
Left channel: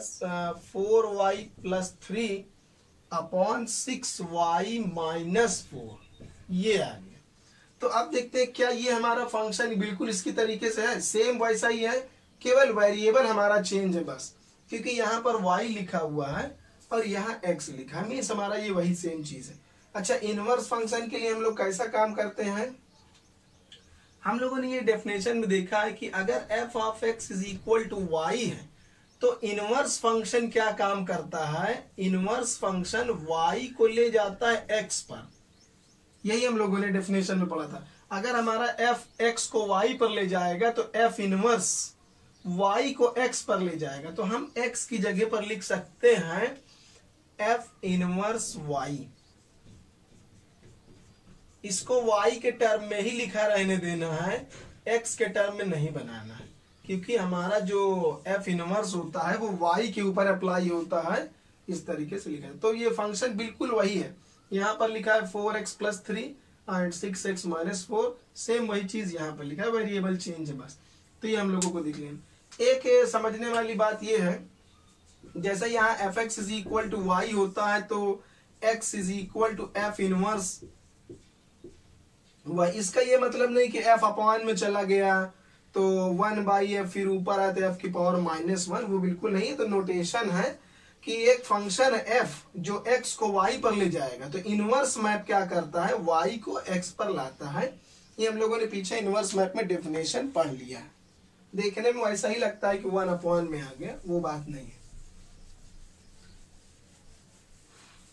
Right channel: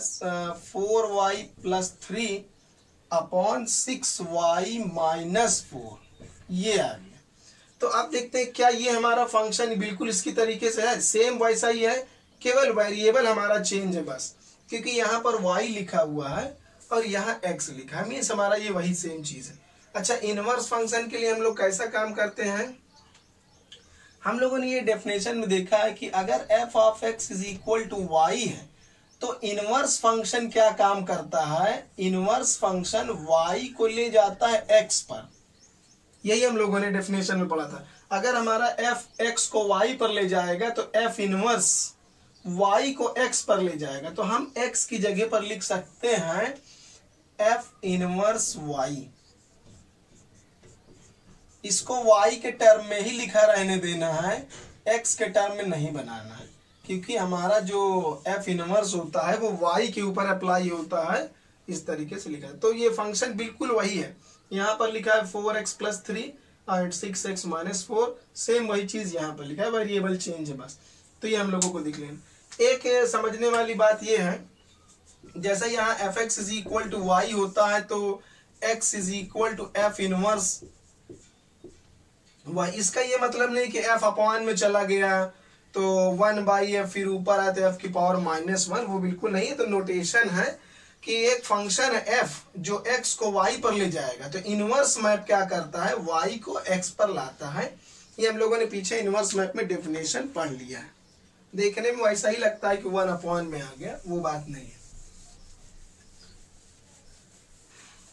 4y plus 3 upon 6y minus 4, ये आ गया। तो अब देखते हैं क्या ये हमारा फंक्शन बिल्कुल इसकी तरीके से है, सेम वैसा ही है, केवल वेरिएबल हमारा चेंज है बस, क्योंकि यहाँ पर y लिखा हुआ है और यहाँ x लिखा है, मीन्स हमारा ये वही सेम चीज है। अच्छा, इनवर्स फंक्शन के लिए हम लोग कैसा काम करते हैं, हम लोगों ने ये डेफिनेशन में देखा है कि अगर f of x is equal to y है तो इनवर्स फंक्शन क्या काम करता है, इनवर्स फंक्शन y को ले जाता है x पर। यही हम लोगों ने डेफिनेशन में पढ़ा था। अगर हमारा f x को y पर ले जाएगा तो f इनवर्स y को x पर ले जाएगा, तो हम x की जगह पर लिख सकते हैं f इनवर्स y। इसको y के टर्म में ही लिखा रहने देना है, x के टर्म में नहीं बनाना है, क्योंकि हमारा जो f इनवर्स होता है वो y के ऊपर अप्लाई होता है, इस तरीके से लिखा है। तो ये फंक्शन बिल्कुल वही है, यहाँ पर लिखा है 4x + 3 एंड 6x - 4, सेम वही चीज यहाँ पर लिखा है, वेरिएबल चेंज है बस। तो ये हम लोगों को दिख लेना। एक समझने वाली बात ये है, जैसे यहाँ fx is equal to y होता है तो x is equal to f inverse y। इसका ये मतलब नहीं कि f अपॉन में चला गया तो 1/f फिर ऊपर आए तो f की पावर -1, वो बिल्कुल नहीं है। तो नोटेशन है कि एक फंक्शन है f जो x को y पर ले जाएगा, तो इनवर्स मैप क्या करता है, y को x पर लाता है। ये हम लोगों ने पीछे इनवर्स मैप में डेफिनेशन पढ़ लिया है, देखने में वैसा ही लगता है कि 1/, में आ गया, वो बात नहीं है।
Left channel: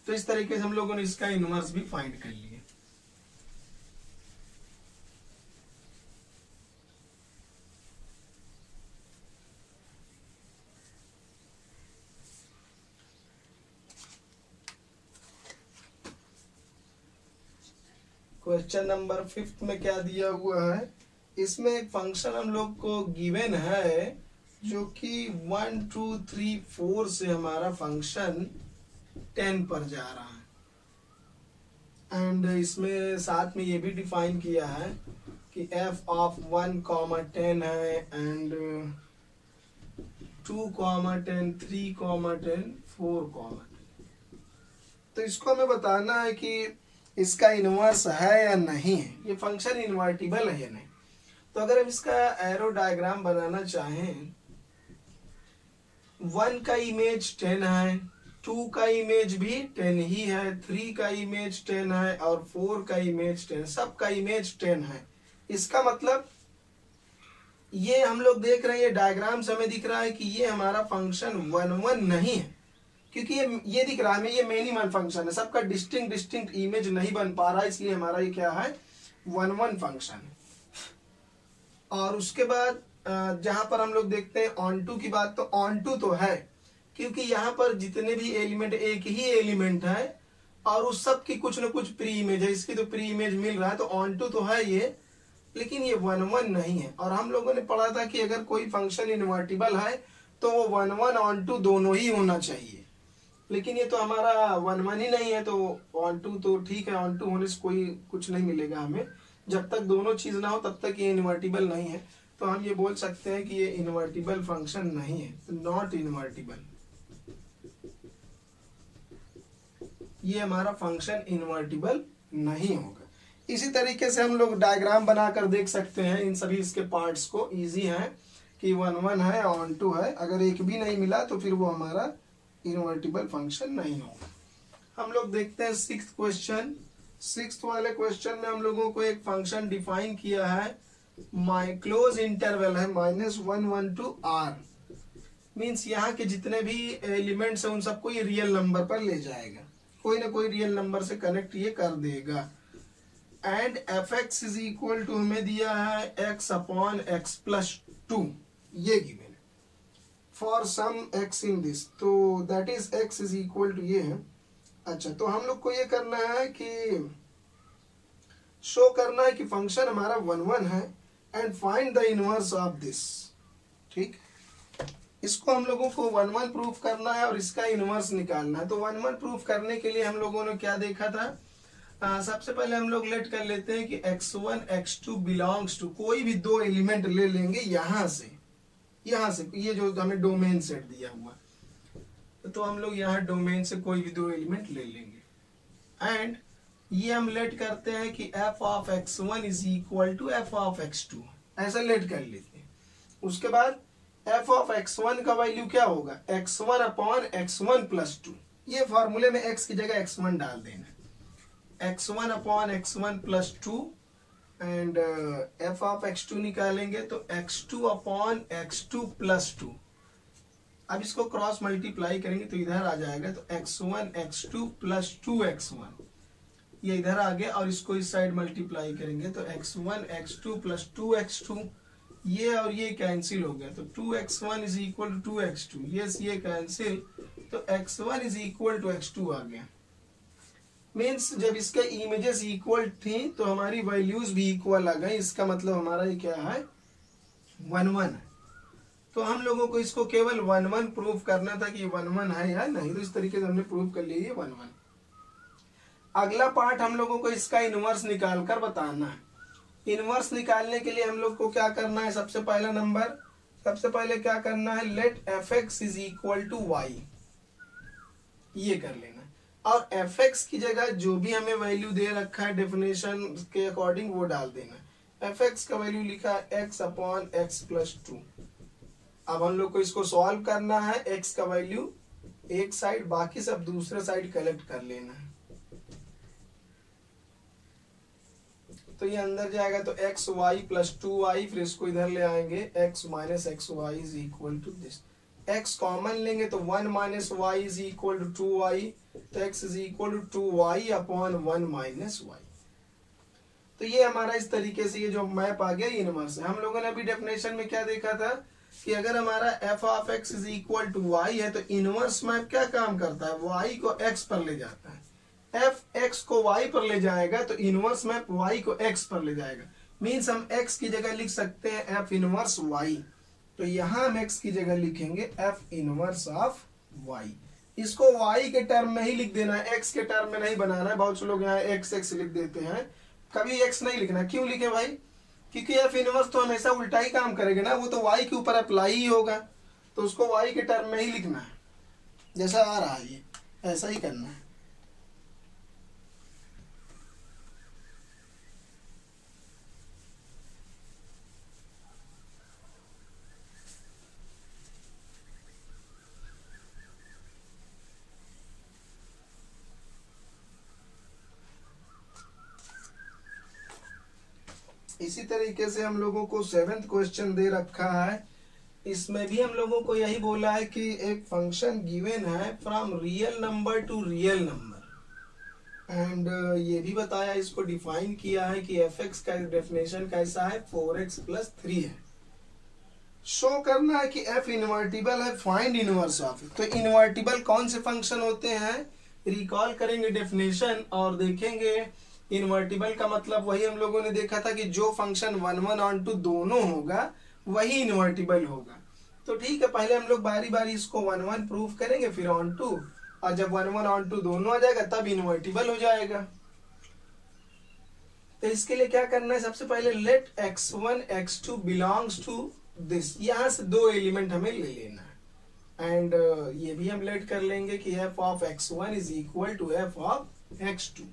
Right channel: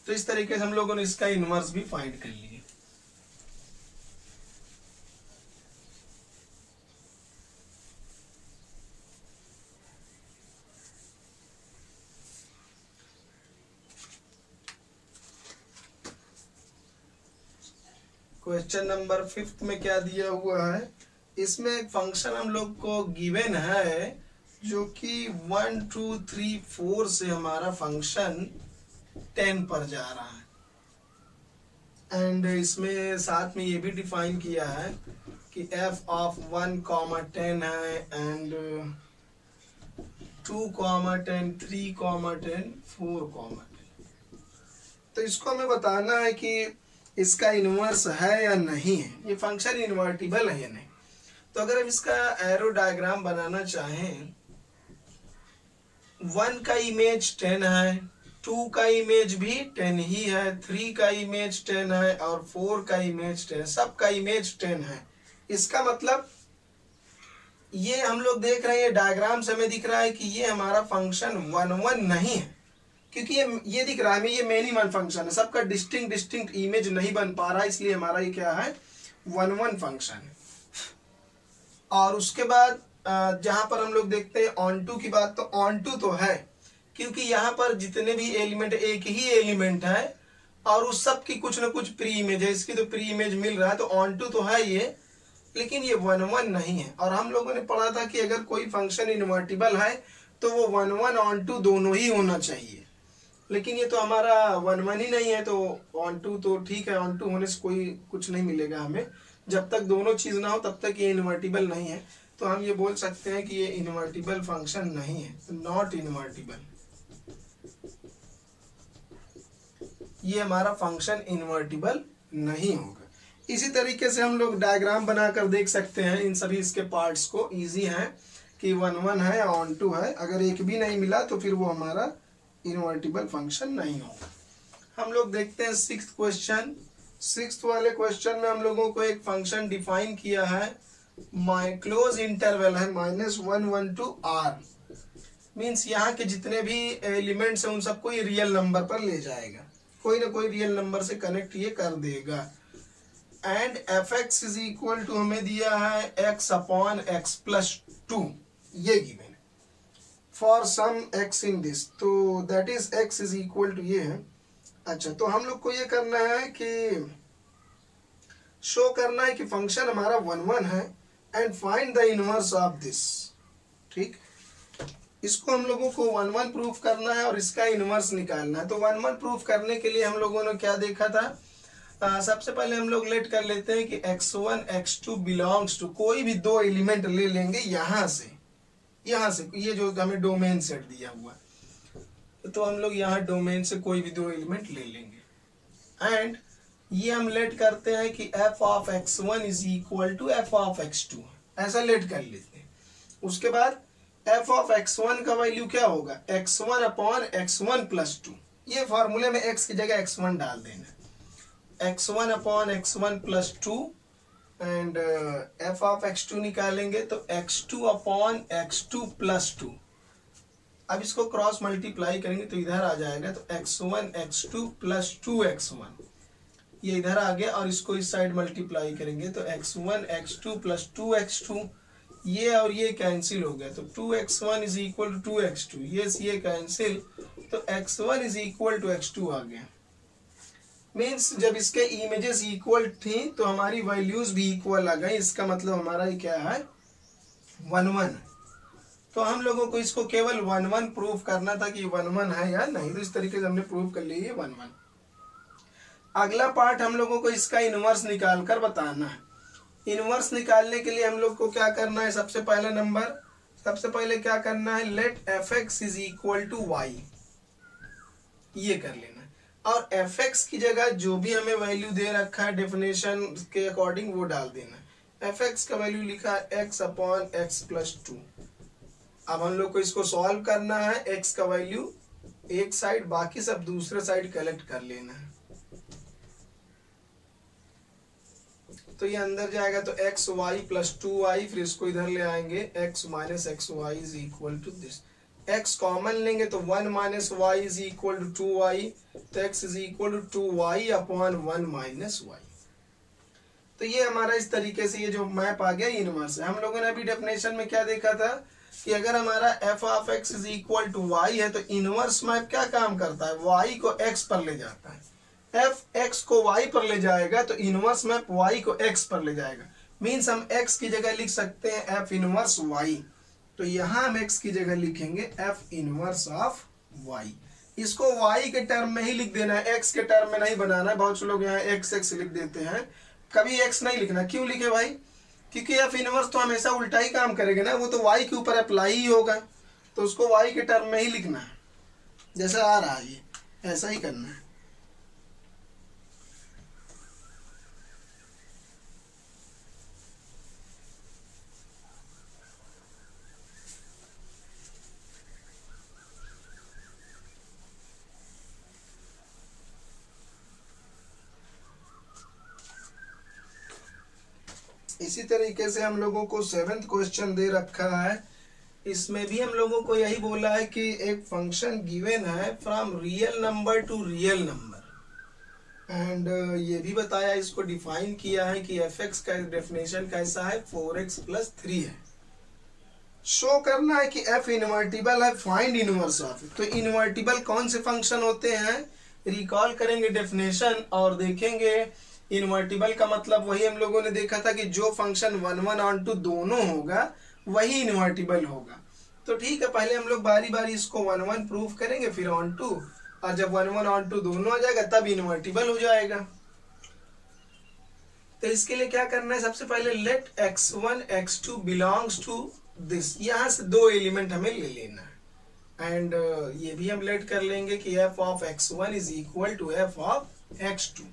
तो इस तरीके से हम लोगों ने इसका इनवर्स भी फाइंड कर लिया। क्वेश्चन नंबर 5 में क्या दिया हुआ है, इसमें एक फंक्शन हम लोग को गिवन है जो कि 1 2 3 4 से हमारा फंक्शन 10 पर जा रहा है। एंड इसमें साथ में ये भी डिफाइन किया है कि f ऑफ 1, 10 है एंड 2, 10, 3, 10, 4, 10। तो इसको हमें बताना है कि इसका इनवर्स है या नहीं है, ये फंक्शन इन्वर्टिबल है या नहीं। तो अगर हम इसका एरो डायग्राम बनाना चाहें, 1 का इमेज 10 है, 2 का इमेज भी 10 ही है, 3 का इमेज 10 है और 4 का इमेज 10, सब का इमेज 10 है। इसका मतलब ये हम लोग देख रहे हैं, ये डायग्राम से हमें दिख रहा है कि ये हमारा फंक्शन 1 1 नहीं है, क्योंकि ये दिख रहा है ये मेनी वन फंक्शन है, सबका डिस्टिंक्ट इमेज नहीं बन पा रहा है, इसलिए हमारा ये क्या है 1 1 फंक्शन है। और उसके बाद जहां पर हम लोग देखते हैं ऑन टू की बात, तो ऑन टू तो है क्योंकि यहाँ पर जितने भी एलिमेंट एक ही एलिमेंट है और उस सब की कुछ ना कुछ प्री इमेज है, इसकी तो प्री इमेज मिल रहा है, तो ऑन टू तो है ये, लेकिन ये 1 1 नहीं है। और हम लोगों ने पढ़ा था कि अगर कोई फंक्शन इन्वर्टिबल है तो वो 1 1 ऑन टू दोनों ही होना चाहिए, लेकिन ये तो हमारा 1 1 ही नहीं है, तो ऑन टू तो ठीक है, ऑन टू होने से कोई कुछ नहीं मिलेगा हमें, जब तक दोनों चीज ना हो तब तक ये इन्वर्टिबल नहीं है। तो हम ये बोल सकते हैं कि ये इन्वर्टिबल फंक्शन नहीं है, नॉट इन्वर्टिबल, ये हमारा फंक्शन इन्वर्टिबल नहीं होगा। इसी तरीके से हम लोग डायग्राम बनाकर देख सकते हैं इन सभी इसके पार्ट्स को, इजी है कि 1 1 है, ऑन टू है, अगर एक भी नहीं मिला तो फिर वो हमारा इन्वर्टिबल फंक्शन नहीं होगा। हम लोग देखते हैं 6th क्वेश्चन। 6th वाले क्वेश्चन में हम लोगों को एक फंक्शन डिफाइन किया है, माई क्लोज इंटरवल है -1 1 to r, मीन्स यहाँ के जितने भी एलिमेंट्स हैं उन सबको ये रियल नंबर पर ले जाएगा, कोई ना कोई रियल नंबर से कनेक्ट ये कर देगा। And fx is equal to हमें दिया है x/x + 2, ये गिवन है for some x in this, तो that is x is equal to ये है। अच्छा, तो हम लोग को ये करना है कि शो करना है कि फंक्शन हमारा 1 1 है and find the inverse of this. ठीक, इसको हम लोगों को 1 1 प्रूफ करना है और इसका इनवर्स निकालना है। तो 1 1 प्रूफ करने के लिए हम लोगों ने क्या देखा था, सबसे पहले हम लोग लेट कर लेते हैं कि x1 x2 बिलोंग्स टू, कोई भी दो एलिमेंट ले लेंगे यहाँ से ये जो हमें डोमेन सेट दिया हुआ, तो हम लोग यहाँ डोमेन से कोई भी दो एलिमेंट ले लेंगे एंड ये हम लेट करते हैं कि f of x1 is equal to f of x2, ऐसा लेट कर लेते हैं। उसके बाद f ऑफ x1 का वैल्यू क्या होगा, x1/x1 + 2, ये फॉर्मूले में x की जगह x1 डाल देना, x1 upon x1 plus 2 and f of x2 निकालेंगे तो x2 अपॉन x2 प्लस 2। अब इसको क्रॉस मल्टीप्लाई करेंगे तो इधर आ जाएगा, तो x1 x2 प्लस 2x1 ये इधर आ गया, और इसको इस साइड मल्टीप्लाई करेंगे तो x1 x2 प्लस 2x2 ये और ये कैंसिल हो गया, तो 2x1 is equal to 2x2, ये कैंसिल, तो x1 is equal to x2 आ गया। मीन्स जब इसके इमेजेस इक्वल थी तो हमारी वैल्यूज भी इक्वल आ गई, इसका मतलब हमारा ये क्या है 1 1। तो हम लोगों को इसको केवल 1 1 प्रूव करना था कि 1 1 है या नहीं, तो इस तरीके से हमने प्रूव कर लिया 1 1। अगला पार्ट हम लोगों को इसका इनवर्स निकाल कर बताना है। इनवर्स निकालने के लिए हम लोग को क्या करना है, सबसे पहले क्या करना है, let fx is equal to y, ये कर लेना, और fx की जगह जो भी हमें वैल्यू दे रखा है डेफिनेशन के अकॉर्डिंग वो डाल देना। fx का वैल्यू लिखा है x अपॉन x प्लस 2। अब हम लोग को इसको सॉल्व करना है, x का वैल्यू एक साइड, बाकी सब दूसरे साइड कलेक्ट कर लेना है। तो ये अंदर जाएगा तो एक्स वाई प्लस 2y, फिर इसको इधर ले आएंगे x minus x y is equal to this. x common लेंगे तो 1 minus y is equal to 2y, तो x is equal to 2y upon 1 minus y. तो ये हमारा इस तरीके से ये जो मैप आ गया इनवर्स है। हम लोगों ने अभी डेफिनेशन में क्या देखा था कि अगर हमारा f of x is equal to y है तो इनवर्स मैप क्या काम करता है, y को x पर ले जाता है। f x को y पर ले जाएगा तो इनवर्स मैप y को x पर ले जाएगा। मीन्स हम x की जगह लिख सकते हैं f इनवर्स y, तो यहाँ हम x की जगह लिखेंगे f इनवर्स ऑफ y। इसको y के टर्म में ही लिख देना है, x के टर्म में नहीं बनाना है। बहुत से लोग यहाँ x लिख देते हैं, कभी x नहीं लिखना। क्यों लिखे भाई, क्योंकि f इनवर्स तो हमेशा उल्टा ही काम करेगा ना, वो तो y के ऊपर अप्लाई ही होगा, तो उसको y के टर्म में ही लिखना है। जैसा आ रहा है ये ऐसा ही करना है। इसी तरीके से हम लोगों को 7th क्वेश्चन दे रखा है, इसमें भी हम लोगों को यही बोला है कि एक फंक्शन गिवन है from real number two real number, and ये भी बताया, इसको डिफाइन किया है कि fx का डेफिनेशन कैसा है 4x प्लस 3 है। शो करना है कि f इनवर्टिबल है, फाइंड इनवर्स ऑफ। तो इनवर्टिबल कौन से फंक्शन होते हैं, रिकॉल करेंगे डेफिनेशन और देखेंगे। इनवर्टिबल का मतलब वही हम लोगों ने देखा था कि जो फंक्शन 1 1 ऑन टू दोनों होगा वही इनवर्टिबल होगा। तो ठीक है, पहले हम लोग बारी बारी इसको 1 1 प्रूफ करेंगे, फिर ऑन टू, और जब 1 1 ऑन टू दोनों आ जाएगा तब इनवर्टिबल हो जाएगा। तो इसके लिए क्या करना है, सबसे पहले late x1 x2 belongs to this, यहाँ से 2 एलिमेंट हमें ले लेना है, एंड ये भी हम लेट कर लेंगे कि f of x1 is equal to f of x2।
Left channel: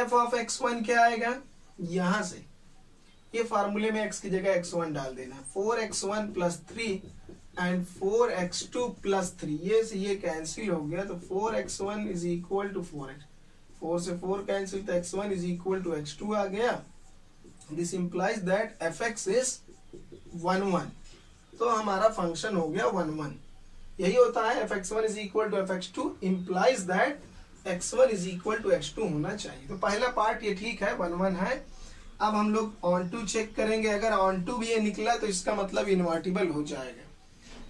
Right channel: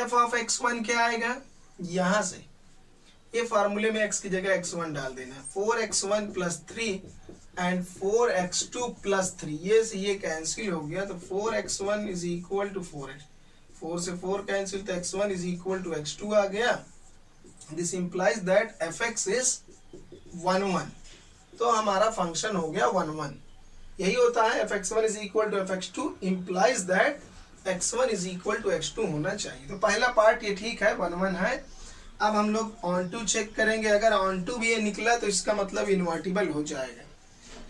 f of x1 क्या आएगा, यहां से ये फार्मूले में x की जगह x1 डाल देना है, 4x1 plus 3 and 4x2 plus 3, ये कैंसिल हो गया, तो 4x1 is equal to 4x, 4 से 4 कैंसिल, तो x1 is equal to x2 आ गया। This implies that fx is 1 1, तो हमारा फंक्शन हो गया 1 1। यही होता है fx1 is equal to fx2 implies that x1 is equal to x2 होना चाहिए। तो पहला पार्ट ये ठीक है, 1 1 है। अब हम लोग ऑन टू चेक करेंगे, अगर ऑन टू भी ये निकला तो इसका मतलब इनवर्टिबल हो जाएगा।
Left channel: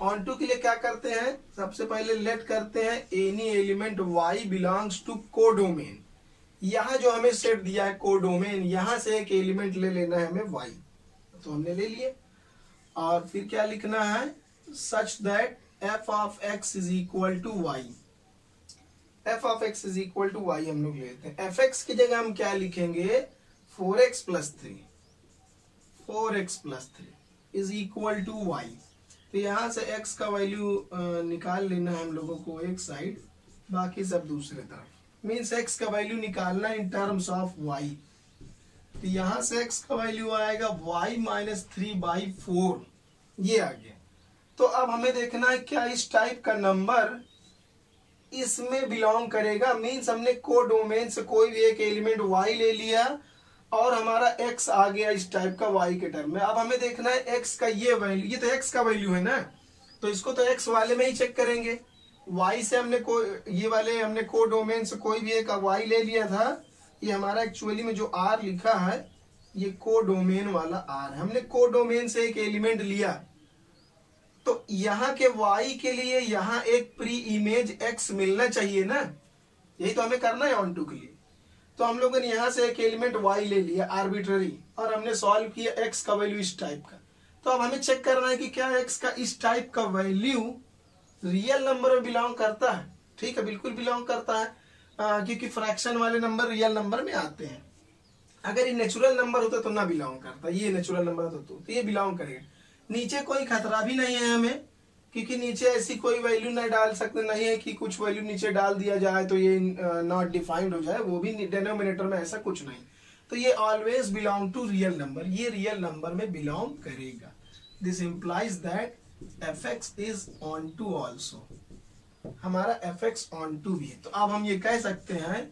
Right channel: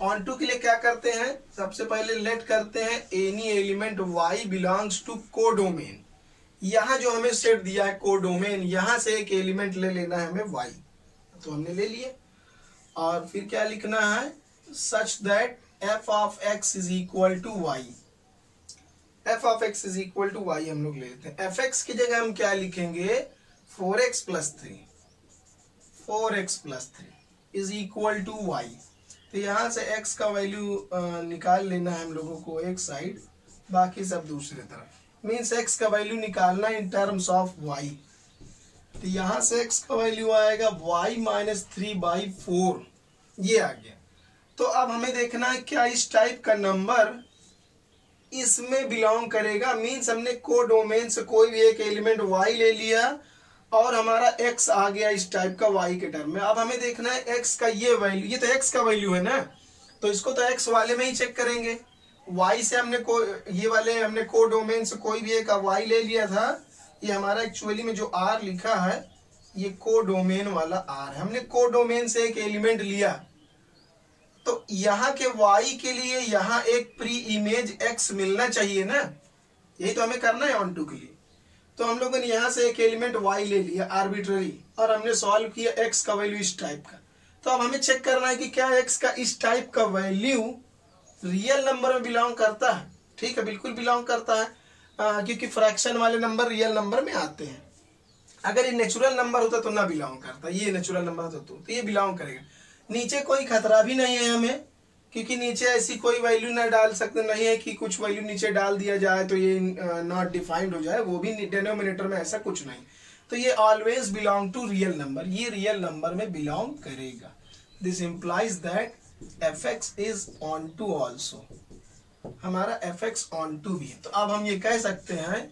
ऑन टू के लिए क्या करते हैं, सबसे पहले लेट करते हैं any element y belongs to codomain. यहाँ जो हमें सेट दिया है कोडोमेन, यहाँ से एक एलिमेंट ले लेना है हमें y, तो हमने ले लिए। और फिर क्या लिखना है, such that f of x is equal to y, f of x is equal to y हम लोग ले लेते हैं। fx की जगह हम क्या लिखेंगे, 4x plus 3, 4x plus 3 is equal to y। तो यहाँ से x का वैल्यू निकाल लेना है हम लोगों को एक साइड, बाकी सब दूसरे तरफ। मीन्स x का वैल्यू निकालना इन टर्म्स ऑफ y। तो यहाँ से x का वैल्यू आएगा y माइनस 3/4, ये आ गया। तो अब हमें देखना है क्या इस टाइप का नंबर इसमें बिलोंग करेगा। मीन्स हमने कोडोमेन से कोई भी एक एलिमेंट y ले लिया और हमारा x आ गया इस टाइप का y के टर्म में। अब हमें देखना है x का ये वैल्यू, ये तो x का वैल्यू है ना, तो इसको तो x वाले में ही चेक करेंगे। y से हमने ये वाले हमने कोडोमेन से कोई भी एक y ले लिया था। ये हमारा एक्चुअली में जो r लिखा है ये कोडोमेन वाला r है। हमने कोडोमेन से एक एलिमेंट लिया तो यहाँ के y के लिए यहाँ एक प्री इमेज x मिलना चाहिए ना, यही तो हमें करना है ऑन टू के लिए। तो हम लोगों ने यहाँ से एक एलिमेंट y ले लिया आर्बिट्ररी और हमने सॉल्व किया x का वैल्यू इस टाइप का। तो अब हमें चेक करना है कि क्या x का इस टाइप का वैल्यू रियल नंबर में बिलोंग करता है। ठीक है, बिल्कुल बिलोंग करता है, क्योंकि फ्रैक्शन वाले नंबर रियल नंबर में आते हैं। अगर ये नेचुरल नंबर होता तो ना बिलोंग करता, ये नेचुरल नंबर होता तो ये बिलोंग करेगा। नीचे कोई खतरा भी नहीं है हमें, क्योंकि नीचे ऐसी कोई वैल्यू ना डाल सकते नहीं है कि कुछ वैल्यू नीचे डाल दिया जाए तो ये नॉट डिफाइंड हो जाए, वो भी डिनोमिनेटर में ऐसा कुछ नहीं। तो ये always belong to real number, ये रियल नंबर में बिलोंग करेगा। This implies that fx is onto also, हमारा fx ऑन टू भी है। तो अब हम ये कह सकते हैं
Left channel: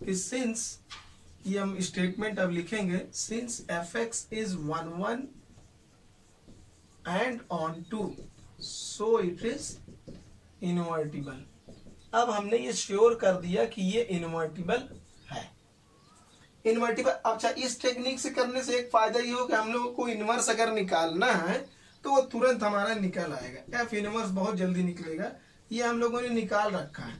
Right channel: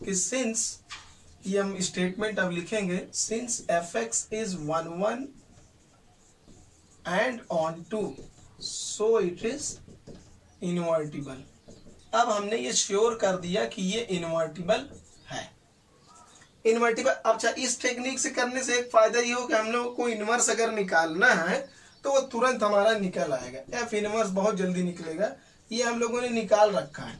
कि सिंस, ये हम स्टेटमेंट अब लिखेंगे, since fx is 1 1 and onto so it is invertible. अब हमने ये श्योर कर दिया कि ये इनवर्टिबल है। इनवर्टिबल, अच्छा इस टेक्निक से करने से एक फायदा ये हो कि हम लोग को इनवर्स अगर निकालना है तो वो तुरंत हमारा निकल आएगा, एफ इनवर्स बहुत जल्दी निकलेगा। ये हम लोगों ने निकाल रखा है।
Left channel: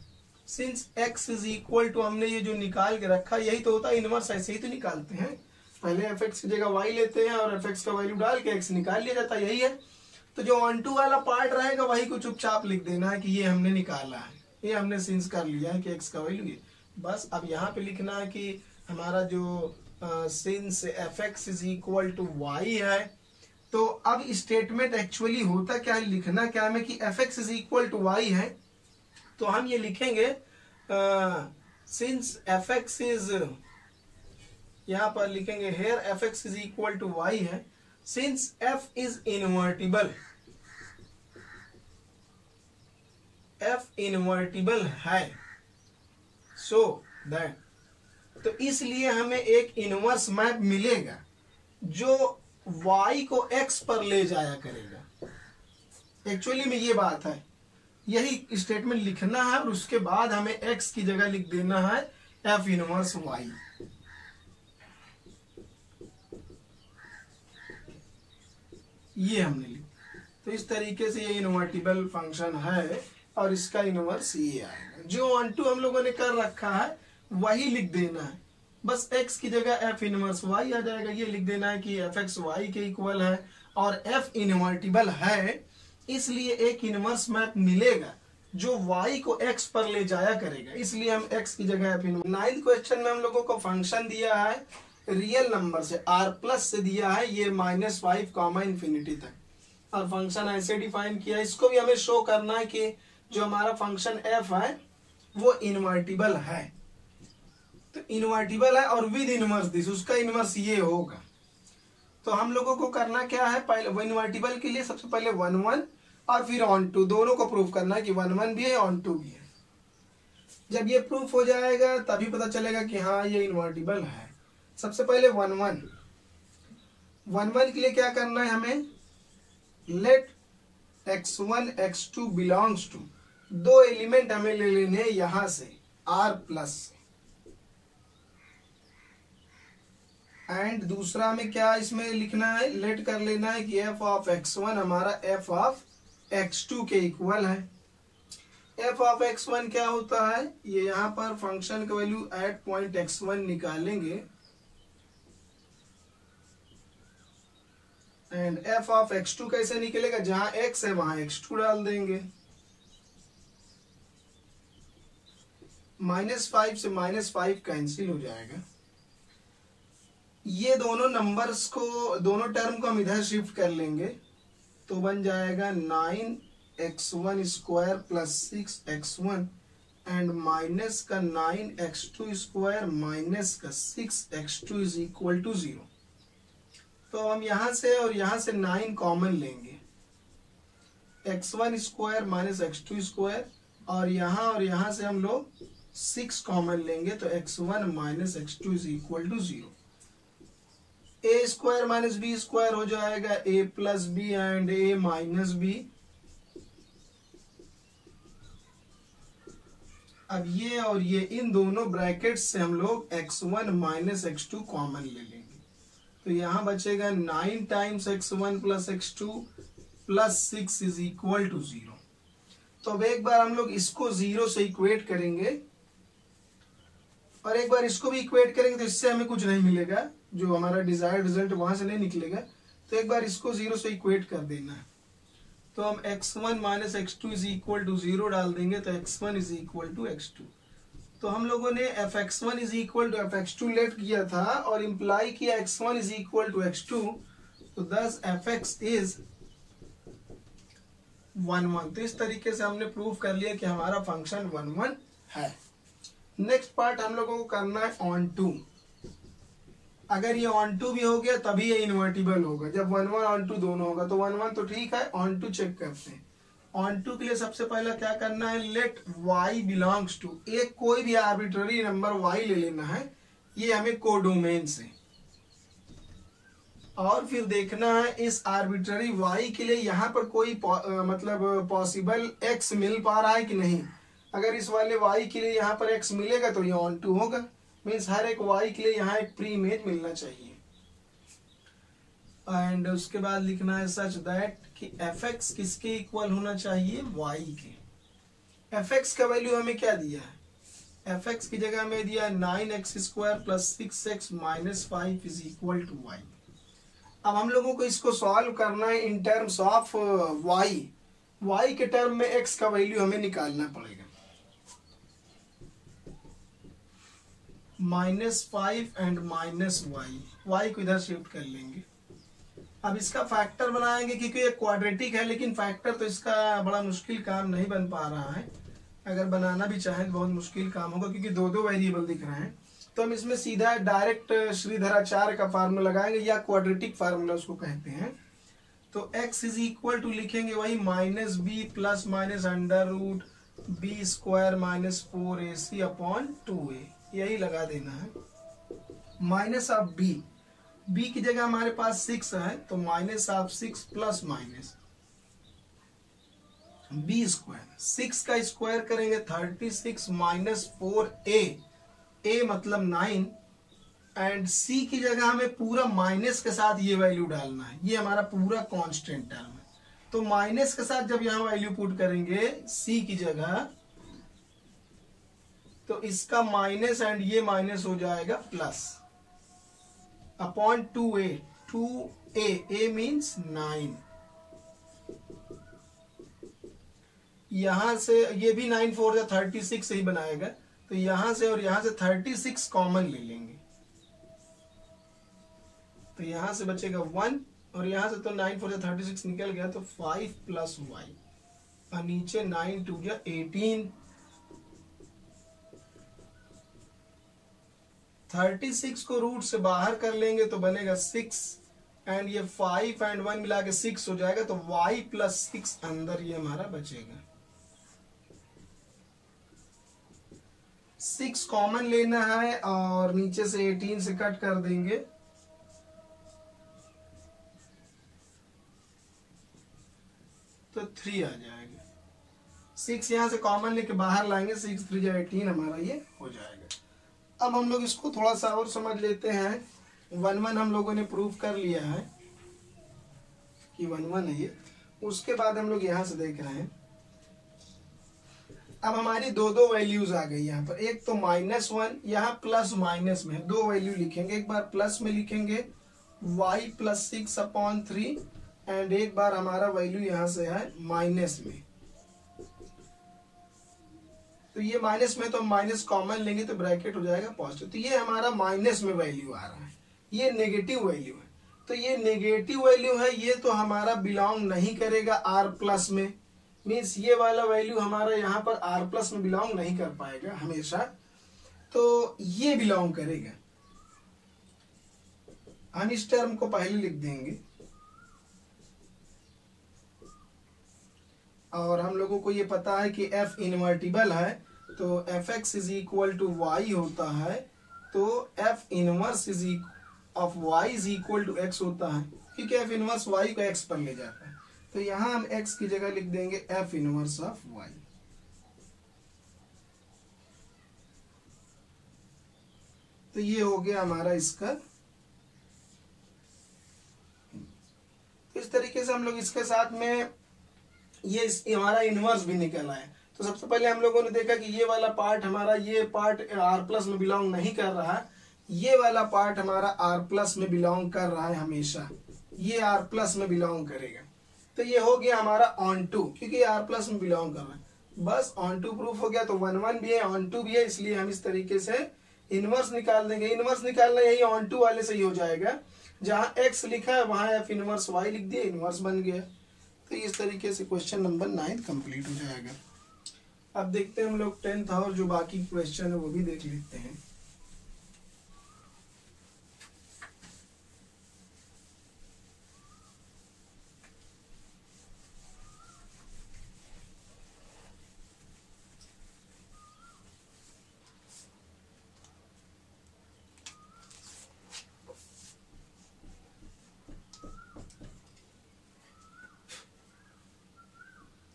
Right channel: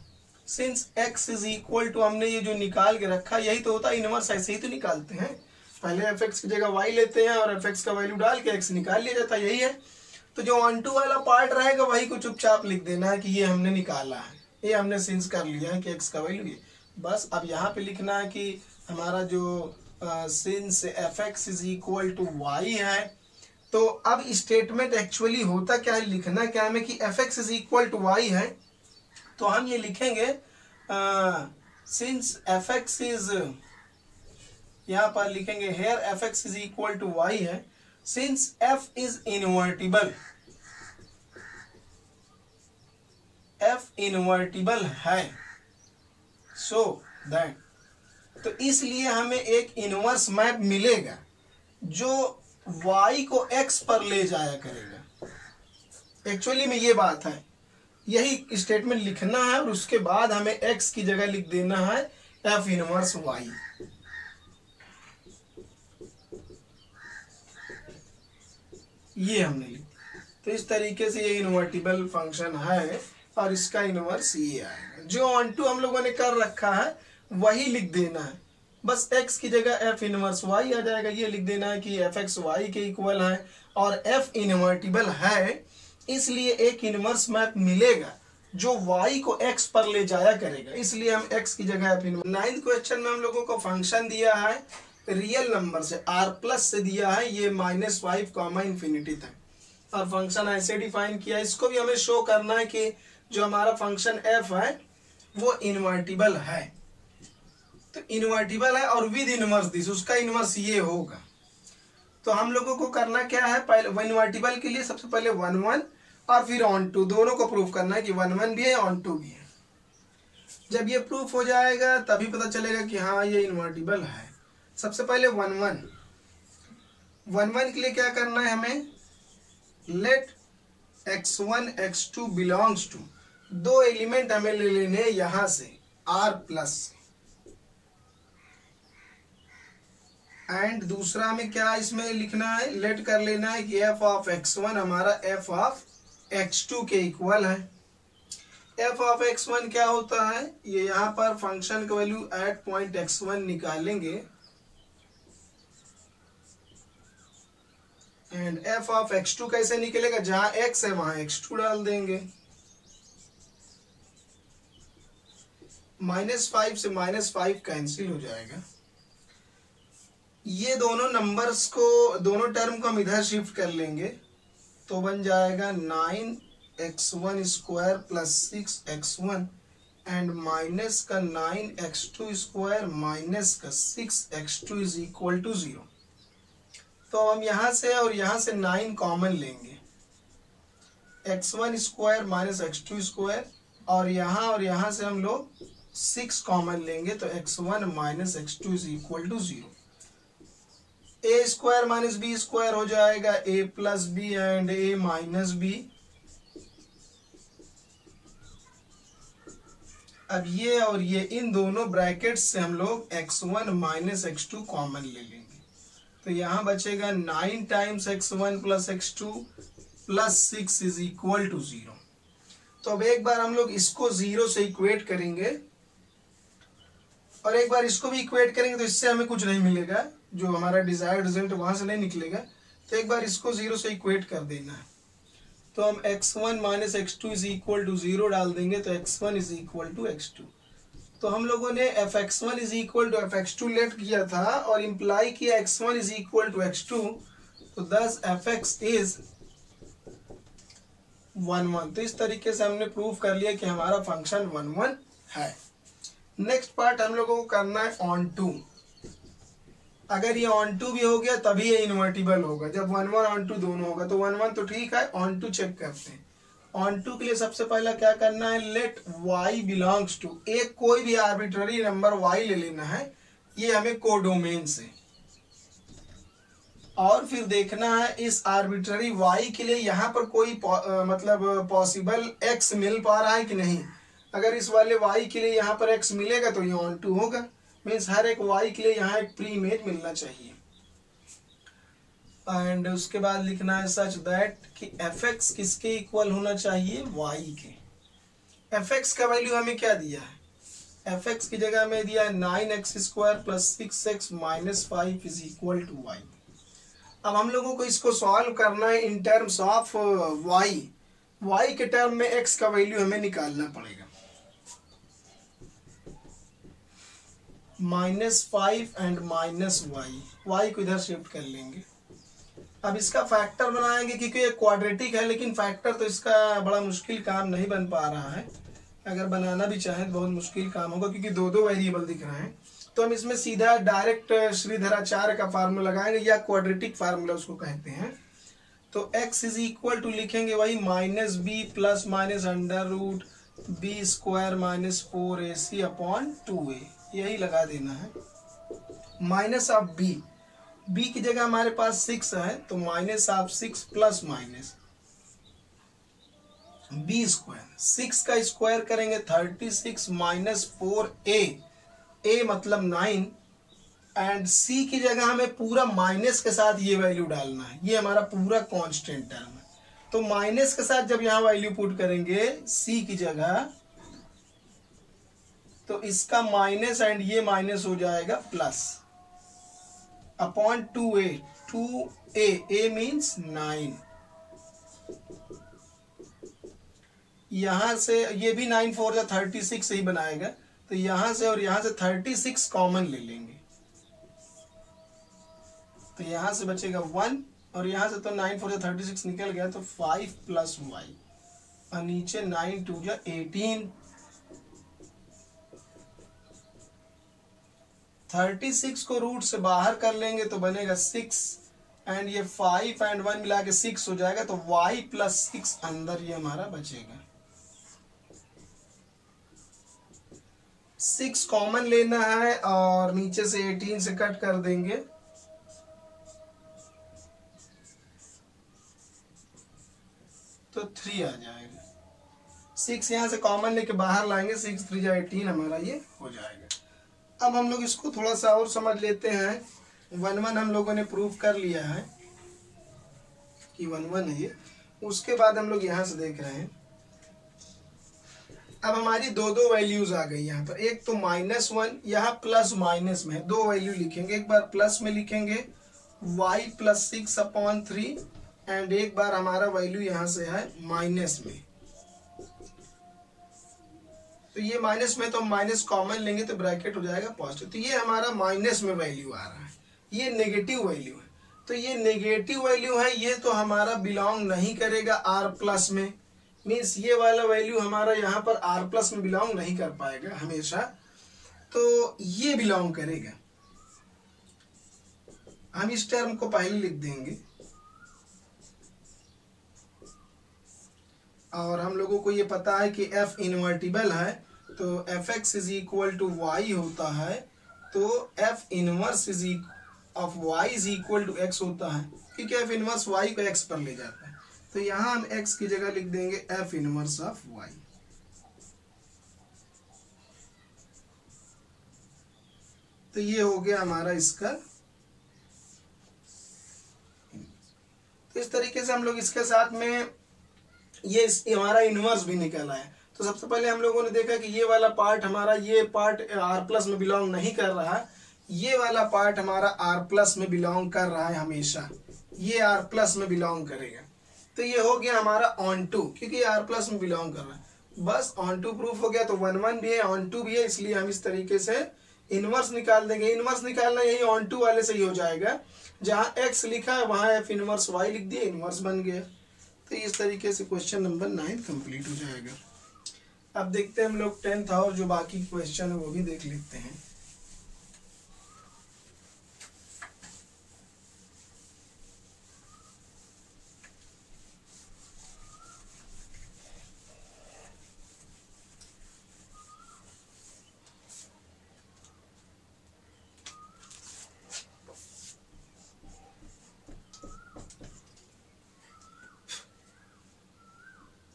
Since x is equal to, हमने ये जो निकाल के रखा यही तो होता है इनवर्स, ऐसे ही तो निकालते हैं। पहले fx की जगह y लेते हैं और fx का वैल्यू डाल के x निकाल लिया जाता है, यही है। तो जो ऑन टू वाला पार्ट रहेगा वही को चुपचाप लिख देना है कि ये हमने निकाला है, ये हमने सिंस कर लिया है कि x का वैल्यू ये। बस अब यहाँ पे लिखना है कि हमारा जो since fx is equal to y है। तो अब स्टेटमेंट एक्चुअली होता क्या है, लिखना क्या है कि fx is equal to y है। तो हम ये लिखेंगे सिंस fx इज, यहाँ पर लिखेंगे here fx is equal to y है, since f is invertible, f invertible है, सो दैट, तो इसलिए हमें एक इनवर्स मैप मिलेगा जो y को x पर ले जाया करेगा। एक्चुअली में ये बात है, यही स्टेटमेंट लिखना है और उसके बाद हमें x की जगह लिख देना है f इनवर्स y। ये हमने लिखा। तो इस तरीके से ये इनवर्टिबल फंक्शन है और इसका इनवर्स ये आएगा। जो ऑन टू हम लोगों ने कर रखा है वही लिख देना है, बस x की जगह f इनवर्स y आ जाएगा। ये लिख देना है कि fx y के इक्वल है और f इनवर्टिबल है, इसलिए एक इनवर्स मैप मिलेगा जो y को x पर ले जाया करेगा, इसलिए हम x की जगह f इनवर्स। 9th क्वेश्चन में हम लोगों को फंक्शन दिया है रियल नंबर से, r प्लस से दिया है ये -5 कॉमा इन्फिनिटी तक, और फंक्शन ऐसे डिफाइन किया। इसको भी हमें शो करना है कि जो हमारा फंक्शन f है वो इनवर्टिबल है। तो इनवर्टिबल है और विद इनवर्स दिस, उसका इनवर्स ये होगा। तो हम लोगों को करना क्या है, पहले इनवर्टिबल के लिए सबसे पहले 1 1 और फिर ऑन टू, दोनों को प्रूफ करना है कि 1 1 भी है ऑन टू भी है। जब ये प्रूफ हो जाएगा तभी पता चलेगा कि हाँ ये इनवर्टिबल है। सबसे पहले 1 1 के लिए क्या करना है हमें, let x1 x2 belongs to, दो एलिमेंट हमें ले लेने यहां से r प्लस, एंड दूसरा में क्या इसमें लिखना है, लेट कर लेना है कि f ऑफ x1 हमारा f ऑफ x2 के इक्वल है। f ऑफ x1 क्या होता है, ये यहाँ पर फंक्शन का वैल्यू एट पॉइंट x1 निकालेंगे एंड f ऑफ x2 कैसे निकलेगा, जहां x है वहां x2 डाल देंगे। -5 से -5 कैंसिल हो जाएगा। ये दोनों नंबर्स को, दोनों टर्म को हम इधर शिफ्ट कर लेंगे तो बन जाएगा 9x1 square plus 6x1 and minus का 9x2 स्क्वायर माइनस का 6x2 इज इक्वल टू 0। तो हम यहां से और यहां से 9 कॉमन लेंगे, x1 square minus x2 square और यहाँ से हम लोग 6 कॉमन लेंगे तो x1 minus x2 is equal to 0। A square minus B square हो जाएगा a plus B and a minus B. अब ये और ये इन दोनों ब्रैकेट से हम लोग x1 माइनस x2 कॉमन ले लेंगे तो यहाँ बचेगा 9 times x1 plus x2 plus 6 is equal to 0। तो अब एक बार हम लोग इसको 0 से इक्वेट करेंगे और एक बार इसको भी इक्वेट करेंगे तो इससे हमें कुछ नहीं मिलेगा, जो हमारा डिजायर्ड रिजल्ट वहां से नहीं निकलेगा। तो एक बार इसको 0 से इक्वेट कर देना है तो हम x1 minus x2 is equal to 0 डाल देंगे तो x1 is equal to x2। तो हम लोगों ने fx1 is equal to fx2 late किया था और इम्प्लाई किया x1 is equal to x2, तो thus fx इज 1 1। तो इस तरीके से हमने प्रूव कर लिया कि हमारा फंक्शन 1 1 है। नेक्स्ट पार्ट हम लोगों को करना है ऑन टू। अगर ये ऑन टू भी हो गया तभी ये इन्वर्टिबल होगा, जब 1 1 ऑन टू दोनों होगा। तो 1 1 तो ठीक है, ऑन टू चेक करते हैं। ऑन टू के लिए सबसे पहला क्या करना है, लेट y बिलोंग्स टू, एक कोई भी आर्बिट्ररी नंबर y ले लेना है, ये हमें कोडोमेन से, और फिर देखना है इस आर्बिट्ररी y के लिए यहाँ पर कोई मतलब पॉसिबल x मिल पा रहा है कि नहीं। अगर इस वाले y के लिए यहाँ पर x मिलेगा तो ये ऑन टू होगा, मीन्स हर एक y के लिए यहाँ एक प्री इमेज मिलना चाहिए। एंड उसके बाद लिखना है सच दैट कि fx किसके इक्वल होना चाहिए, y के। fx का वैल्यू हमें क्या दिया है, fx की जगह में दिया है 9x square plus 6x minus 5 is equal to y। अब हम लोगों को इसको सॉल्व करना है इन टर्म्स ऑफ y के टर्म में x का वैल्यू हमें निकालना पड़ेगा। -5 एंड -y को इधर शिफ्ट कर लेंगे। अब इसका फैक्टर बनाएंगे क्योंकि ये क्वाड्रेटिक है, लेकिन फैक्टर तो इसका बड़ा मुश्किल काम नहीं बन पा रहा है। अगर बनाना भी चाहे तो बहुत मुश्किल काम होगा क्योंकि दो दो वेरिएबल दिख रहे हैं। तो हम इसमें सीधा डायरेक्ट श्रीधराचार्य का फार्मूला लगाएंगे, या क्वाड्रेटिक फार्मूला उसको कहते हैं। तो x इज इक्वल टू लिखेंगे वही -b plus minus under root b square minus 4ac upon 2a, यही लगा देना है। माइनस ऑफ b की जगह हमारे पास 6 है तो minus of 6 plus minus b square, 6 का स्क्वायर करेंगे 36 माइनस 4a, a मतलब 9, एंड c की जगह हमें पूरा माइनस के साथ ये वैल्यू डालना है, ये हमारा पूरा कांस्टेंट टर्म है। तो माइनस के साथ जब यहाँ वैल्यू पुट करेंगे c की जगह, तो इसका माइनस एंड ये माइनस हो जाएगा plus upon 2a, 2a, a means 9। यहां से ये भी 9 4 या 36 ही बनाएगा, तो यहां से और यहां से 36 कॉमन ले लेंगे, तो यहां से बचेगा 1 और यहां से तो 9 4 या 36 निकल गया, तो 5 प्लस y और नीचे 9 2 या 18। 36 को रूट से बाहर कर लेंगे तो बनेगा 6 एंड ये 5 एंड 1 मिला के 6 हो जाएगा, तो y प्लस 6 अंदर ये हमारा बचेगा। 6 कॉमन लेना है और नीचे से 18 से कट कर देंगे, तो 3 आ जाएगा। 6 यहां से कॉमन लेके बाहर लाएंगे, 6 3 या 18 हमारा ये हो जाएगा। अब हम लोग इसको थोड़ा सा और समझ लेते हैं। 1 1 हम लोगों ने प्रूव कर लिया है कि 1 1 है ये। उसके बाद हम लोग यहां से देख रहे हैं, अब हमारी दो वैल्यूज आ गई यहाँ पर। एक तो -1, यहाँ प्लस माइनस में है, दो वैल्यू लिखेंगे। एक बार प्लस में लिखेंगे y प्लस 6 अपॉन 3 एंड एक बार हमारा वैल्यू यहाँ से है माइनस में। तो ये माइनस में तो माइनस कॉमन लेंगे तो ब्रैकेट हो जाएगा पॉजिटिव। तो ये हमारा माइनस में वैल्यू आ रहा है, ये नेगेटिव वैल्यू है। तो ये नेगेटिव वैल्यू है, ये तो हमारा बिलोंग नहीं करेगा r प्लस में, मीन्स ये वाला वैल्यू हमारा यहाँ पर r प्लस में बिलोंग नहीं कर पाएगा हमेशा, तो ये बिलोंग करेगा। हम इस टर्म को पहले लिख देंगे, और हम लोगों को ये पता है कि एफ इन्वर्टिबल है, तो F x is equal to y होता है, तो F inverse of y is equal to x होता है, क्योंकि एफ इनवर्स वाई को एक्स पर ले जाता है। तो यहाँ हम एक्स की जगह लिख देंगे एफ इनवर्स ऑफ वाई। तो ये हो गया हमारा इसका। तो इस तरीके से हम लोग इसके साथ में ये हमारा इनवर्स भी निकल आया। तो सबसे पहले हम लोगों ने देखा कि ये वाला पार्ट हमारा, ये पार्ट आर प्लस में बिलोंग नहीं कर रहा है, ये वाला पार्ट हमारा आर प्लस में बिलोंग कर रहा है हमेशा, ये आर प्लस में बिलोंग करेगा। तो ये हो गया हमारा ऑन टू, क्योंकि आर प्लस में बिलोंग कर रहा है। बस ऑन टू प्रूफ हो गया। तो 1 1 भी है, ऑन टू भी है, इसलिए हम इस तरीके से इनवर्स निकाल देंगे। इनवर्स निकालना यही ऑन टू वाले से ही हो जाएगा, जहां एक्स लिखा है वहां एफ इनवर्स वाई लिख दिए, इनवर्स बन गया। तो इस तरीके से क्वेश्चन नंबर 9 कंप्लीट हो जाएगा। अब देखते हैं हम लोग 10th और जो बाकी क्वेश्चन है वो भी देख लेते हैं।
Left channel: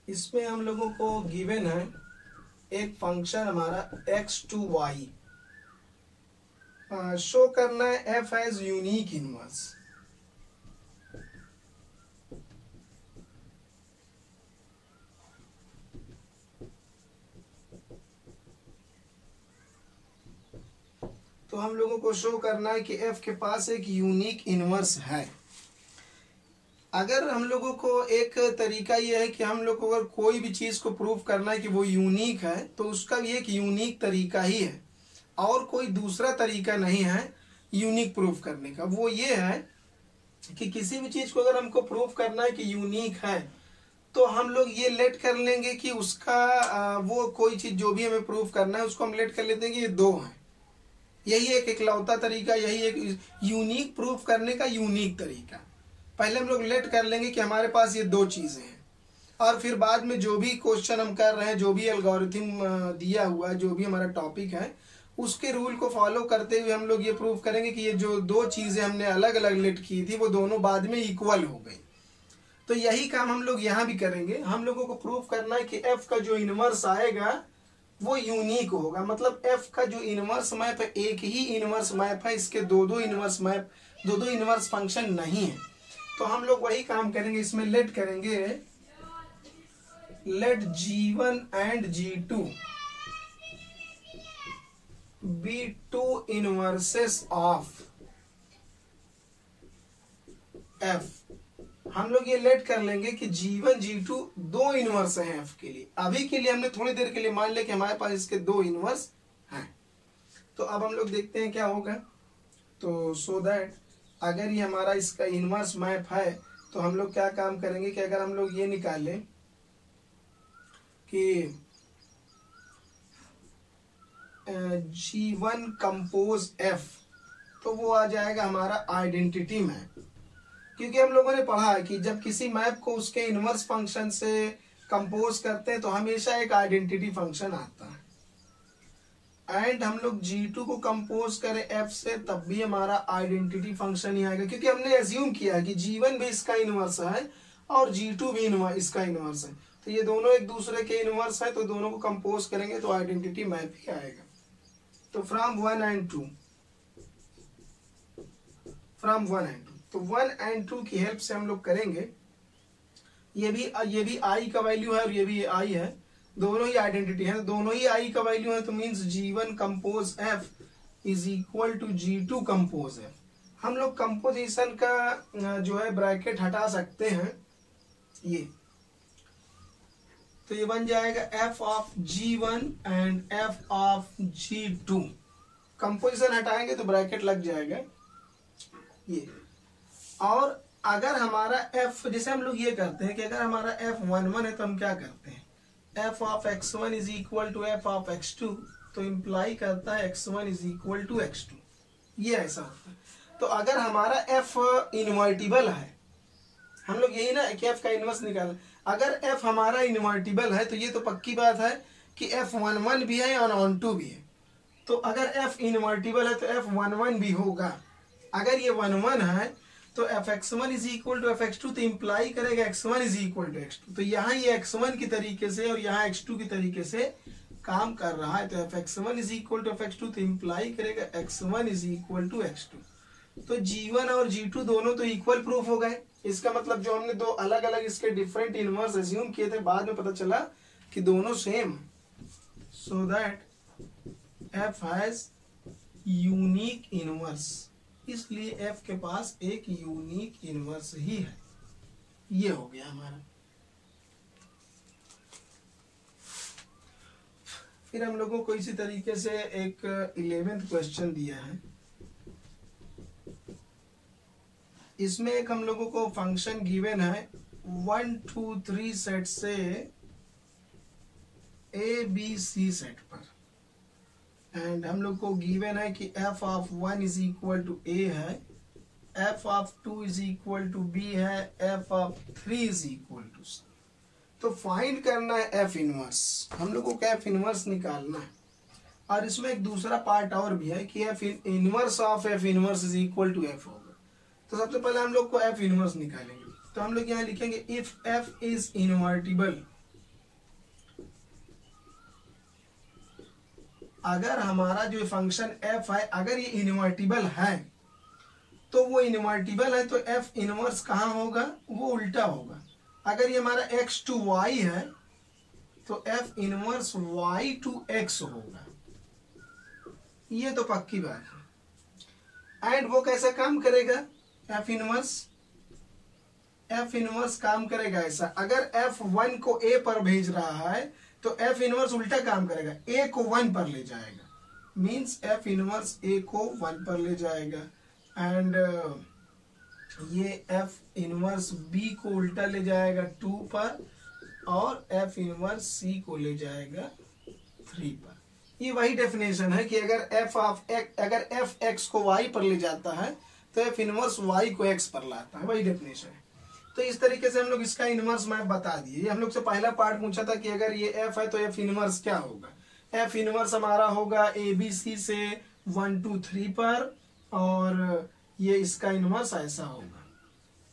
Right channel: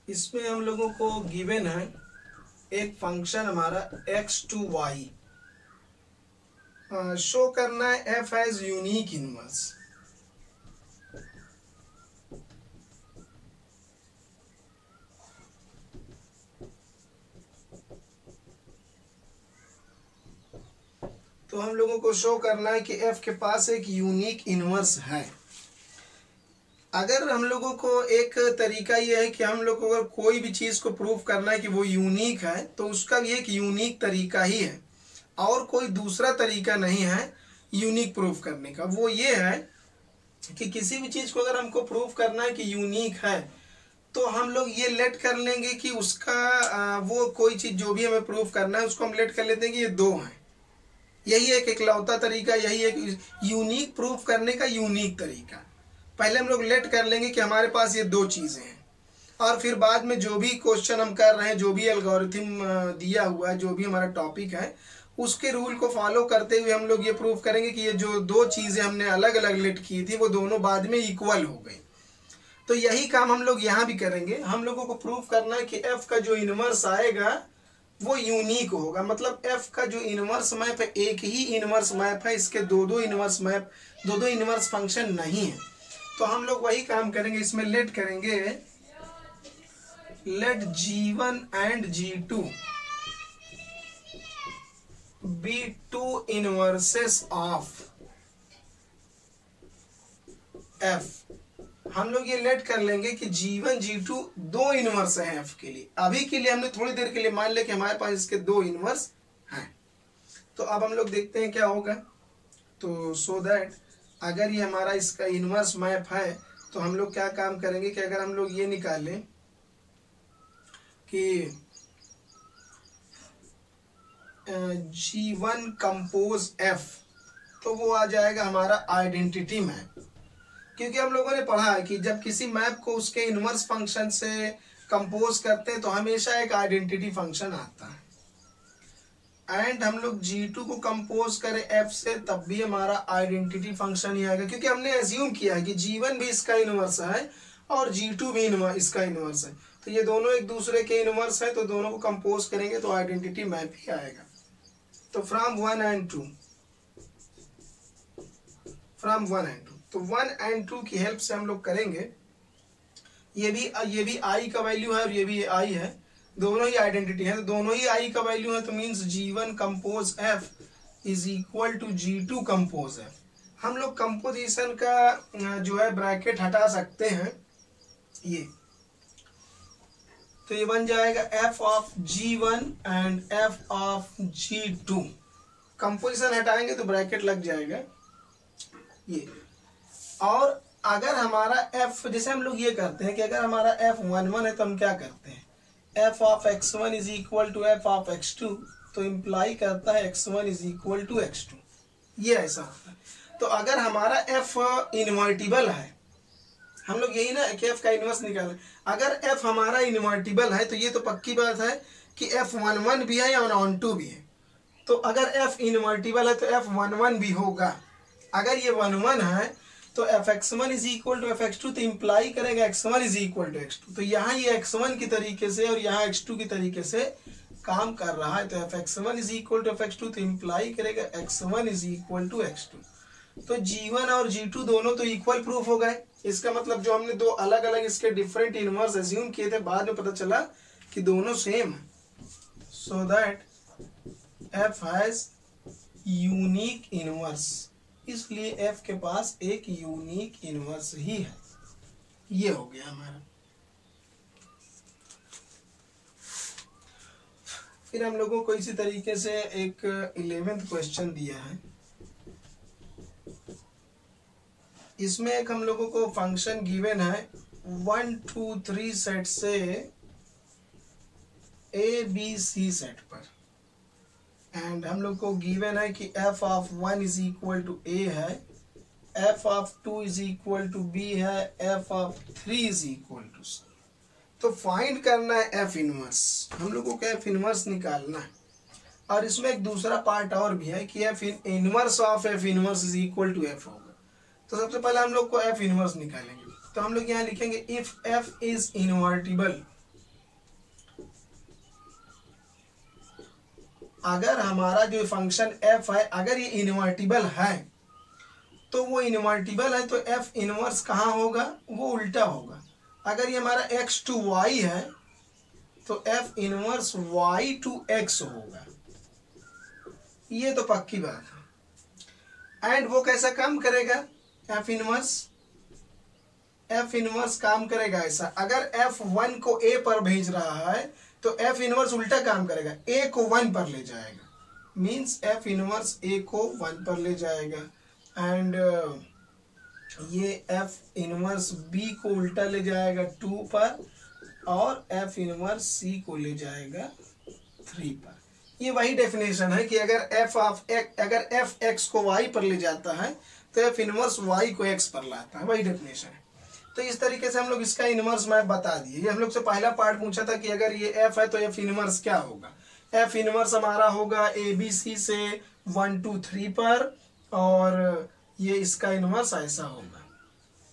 इसमें हम लोगों को गिवन है एक फंक्शन हमारा x टू y, शो करना है f एज यूनिक इनवर्स। तो हम लोगों को शो करना है कि f के पास एक यूनिक इनवर्स है। अगर हम लोगों को एक तरीका यह है कि हम लोग को अगर कोई भी चीज को प्रूव करना है कि वो यूनिक है, तो उसका भी एक यूनिक तरीका ही है, और कोई दूसरा तरीका नहीं है यूनिक प्रूफ करने का। वो ये है कि किसी भी चीज को अगर हमको प्रूफ करना है कि यूनिक है, तो हम लोग ये लेट कर लेंगे कि उसका वो कोई चीज जो भी हमें प्रूफ करना है उसको हम लेट कर लेते हैं कि ये दो हैं। यही एक इकलौता तरीका, यही एक यूनिक प्रूफ करने का यूनिक तरीका। पहले हम लोग लेट कर लेंगे कि हमारे पास ये दो चीजें हैं, और फिर बाद में जो भी क्वेश्चन हम कर रहे हैं, जो भी एल्गोरिथम दिया हुआ है, जो भी हमारा टॉपिक है, उसके रूल को फॉलो करते हुए हम लोग ये प्रूव करेंगे कि ये जो दो चीजें हमने अलग अलग लेट की थी वो दोनों बाद में इक्वल हो गई। तो यही काम हम लोग यहाँ भी करेंगे। हम लोगों को प्रूव करना है कि एफ का जो इनवर्स आएगा वो यूनिक होगा। मतलब एफ का जो इनवर्स मैप है एक ही इनवर्स मैप है, इसके दो दो इनवर्स फंक्शन नहीं है। तो हम लोग वही काम करेंगे, इसमें लेट करेंगे, let G1 and G2 be two inverses of F। हम लोग ये लेट कर लेंगे कि G1 G2 दो इनवर्स हैं F के लिए। अभी के लिए हमने थोड़ी देर के लिए मान लिया कि हमारे पास इसके दो इनवर्स हैं। तो अब हम लोग देखते हैं क्या होगा। तो सो दैट अगर ये हमारा इसका इनवर्स मैप है, तो हम लोग क्या काम करेंगे कि अगर हम लोग ये निकालें कि G1 कंपोज F, तो वो आ जाएगा हमारा आइडेंटिटी मैप। क्योंकि हम लोगों ने पढ़ा है कि जब किसी मैप को उसके इनवर्स फंक्शन से कंपोज करते हैं तो हमेशा एक आइडेंटिटी फंक्शन आता है। एंड हम लोग G2 को कंपोज करें F से, तब भी हमारा आइडेंटिटी फंक्शन ही आएगा, क्योंकि हमने एज्यूम किया है कि G1 भी इसका इनवर्स है और G2 भी इसका इनवर्स है। तो ये दोनों एक दूसरे के इनवर्स है, तो दोनों को कंपोज करेंगे तो आइडेंटिटी मैप ही आएगा। तो फ्रॉम 1 एंड 2, तो 1 एंड 2 की हेल्प से हम लोग करेंगे। ये भी I का वैल्यू है और ये भी I है, दोनों ही आइडेंटिटी है, दोनों ही I का वैल्यू है। तो means G1 compose F is equal to G2 compose F। हम लोग कंपोजिशन का जो है ब्रैकेट हटा सकते हैं, ये तो ये बन जाएगा F of G1 and F of G2। Composition हटाएंगे तो ब्रैकेट लग जाएगा ये। और अगर हमारा F, जैसे हम लोग ये करते हैं कि अगर हमारा F 1 1 है तो हम क्या करते हैं, F of x1 is equal to F of x2, तो इम्प्लाई करता है x1 is equal to x2, ये ऐसा होता है। तो अगर हमारा F इन्वर्टिबल है, हम लोग यही ना कि एफ का इनवर्स निकालें। अगर एफ हमारा इनवर्टिबल है तो ये तो पक्की बात है कि F11 भी है और ऑन2 भी है। तो अगर एफ इनवर्टिबल है तो F11 भी होगा। अगर ये 1 1 है तो Fx1 is equal to Fx2, तो इम्प्लाई करेगा x1 is equal to x2। तो यहाँ ये x1 की तरीके से और यहाँ x2 की तरीके से काम कर रहा है। तो Fx1 is equal to Fx2, तो इम्प्लाई करेगा x1 is equal to x2। तो G1 और G2 दोनों तो इक्वल प्रूफ हो गए। इसका मतलब जो हमने दो अलग अलग इसके डिफरेंट इनवर्स एज्यूम किए थे, बाद में पता चला कि दोनों same. So that F has unique inverse, इसलिए F के पास एक यूनिक इनवर्स ही है। ये हो गया हमारा। फिर हम लोगों को इसी तरीके से एक 11th क्वेश्चन दिया है। इसमें एक हम लोगों को फंक्शन गिवन है 1 2 3 सेट से ABC सेट पर, एंड हम लोग को गिवन है कि f of 1 is equal to a है, f of 2 is equal to b है, f of 3 is equal to c। तो फाइंड करना है f इनवर्स। हम लोग को f इनवर्स निकालना है। और इसमें एक दूसरा पार्ट और भी है कि f inverse of f inverse is equal to f होगा। तो सबसे पहले हम लोग को f इनवर्स निकालेंगे। तो हम लोग यहाँ लिखेंगे इफ f इज इनवर्टिबल। अगर हमारा जो फंक्शन f है अगर ये इनवर्टिबल है तो वो इनवर्टिबल है तो f इनवर्स कहाँ होगा, वो उल्टा होगा। अगर ये हमारा x टू y है तो f inverse y to x होगा। ये तो पक्की बात है। एंड वो कैसा काम करेगा, f इनवर्स काम करेगा ऐसा। अगर f1 को a पर भेज रहा है तो f इनवर्स उल्टा काम करेगा, a को 1 पर ले जाएगा। मीन्स f इनवर्स a को 1 पर ले जाएगा। एंड ये f इनवर्स b को उल्टा ले जाएगा 2 पर, और f इनवर्स c को ले जाएगा 3 पर। ये वही डेफिनेशन है कि अगर f x को y पर ले जाता है तो f इनवर्स y को x पर लाता है, वही डेफिनेशन है। तो इस तरीके से हम लोग इसका इनवर्स मैप बता दिए। ये हम लोग से पहला पार्ट पूछा था कि अगर ये f है तो f इनवर्स क्या होगा। f इनवर्स हमारा होगा ABC से 1 2 3 पर, और ये इसका इनवर्स ऐसा होगा।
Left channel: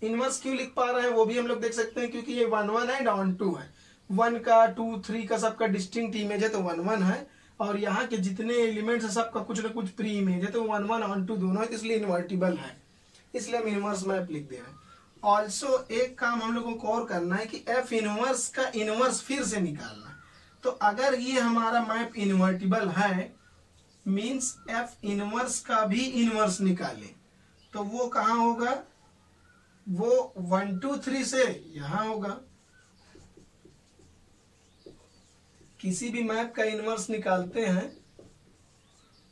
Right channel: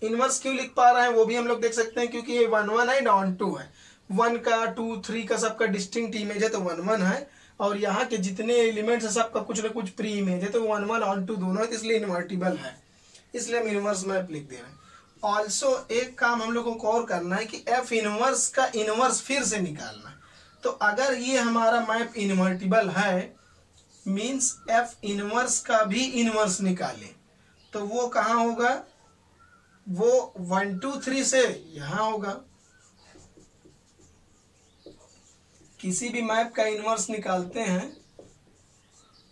इनवर्स क्यों लिख पा रहे हैं वो भी हम लोग देख सकते हैं, क्योंकि ये 1 1 है, ऑन2 है। 1 का 2 3 का सबका डिस्टिंक्ट इमेज है तो 1 1 है, और यहाँ के जितने एलिमेंट्स है सबका कुछ ना कुछ प्री इमेज है तो 1 1 ऑन2 दोनों है, तो इसलिए इन्वर्टिबल है, इसलिए हम इनवर्स मैप लिख दे रहे हैं। ऑल्सो एक काम हम लोगों को और करना है कि f इनवर्स का इनवर्स फिर से निकालना है। तो अगर ये हमारा मैप इन्वर्टिबल है मीन्स f इनवर्स का भी इनवर्स निकालें, तो वो कहाँ होगा, वो 1 2 3 से यहाँ होगा। किसी भी मैप का इनवर्स निकालते हैं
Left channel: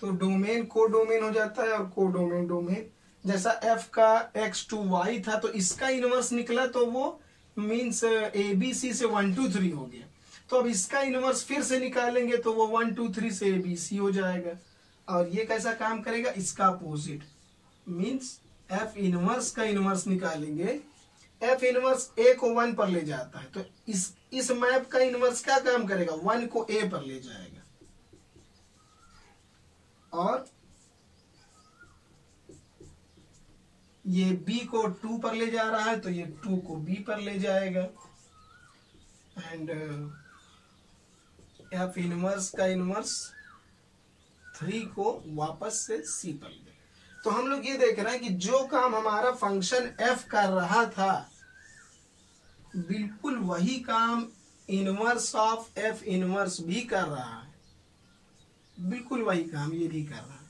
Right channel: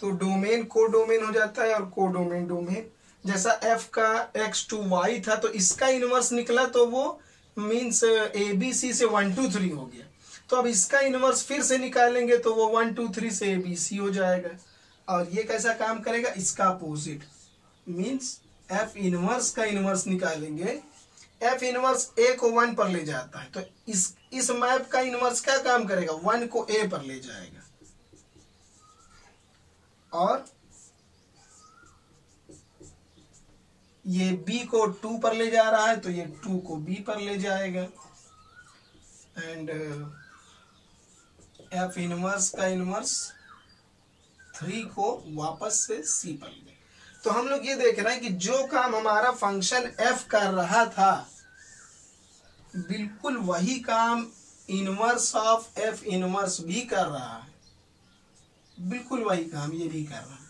तो डोमेन को डोमेन हो जाता है और को डोमेन डोमेन। जैसा f का x टू y था तो इसका इनवर्स निकला तो वो मीन्स ABC से 1 2 3 हो गया। तो अब इसका इनवर्स फिर से निकालेंगे तो वो 1 2 3 से ABC हो जाएगा। और ये कैसा काम करेगा, इसका अपोजिट मीन्स f इनवर्स का इनवर्स निकालेंगे। f इनवर्स a को 1 पर ले जाता है तो इस मैप का इनवर्स क्या काम करेगा, 1 को a पर ले जाएगा, और ये b को 2 पर ले जा रहा है तो ये 2 को b पर ले जाएगा। एंड f इनवर्स का इनवर्स 3 को वापस से c पर ले। तो हम लोग ये देख रहे हैं कि जो काम हमारा फंक्शन f कर रहा था बिल्कुल वही काम इनवर्स ऑफ f इनवर्स भी कर रहा है, बिल्कुल वही काम ये भी कर रहा है।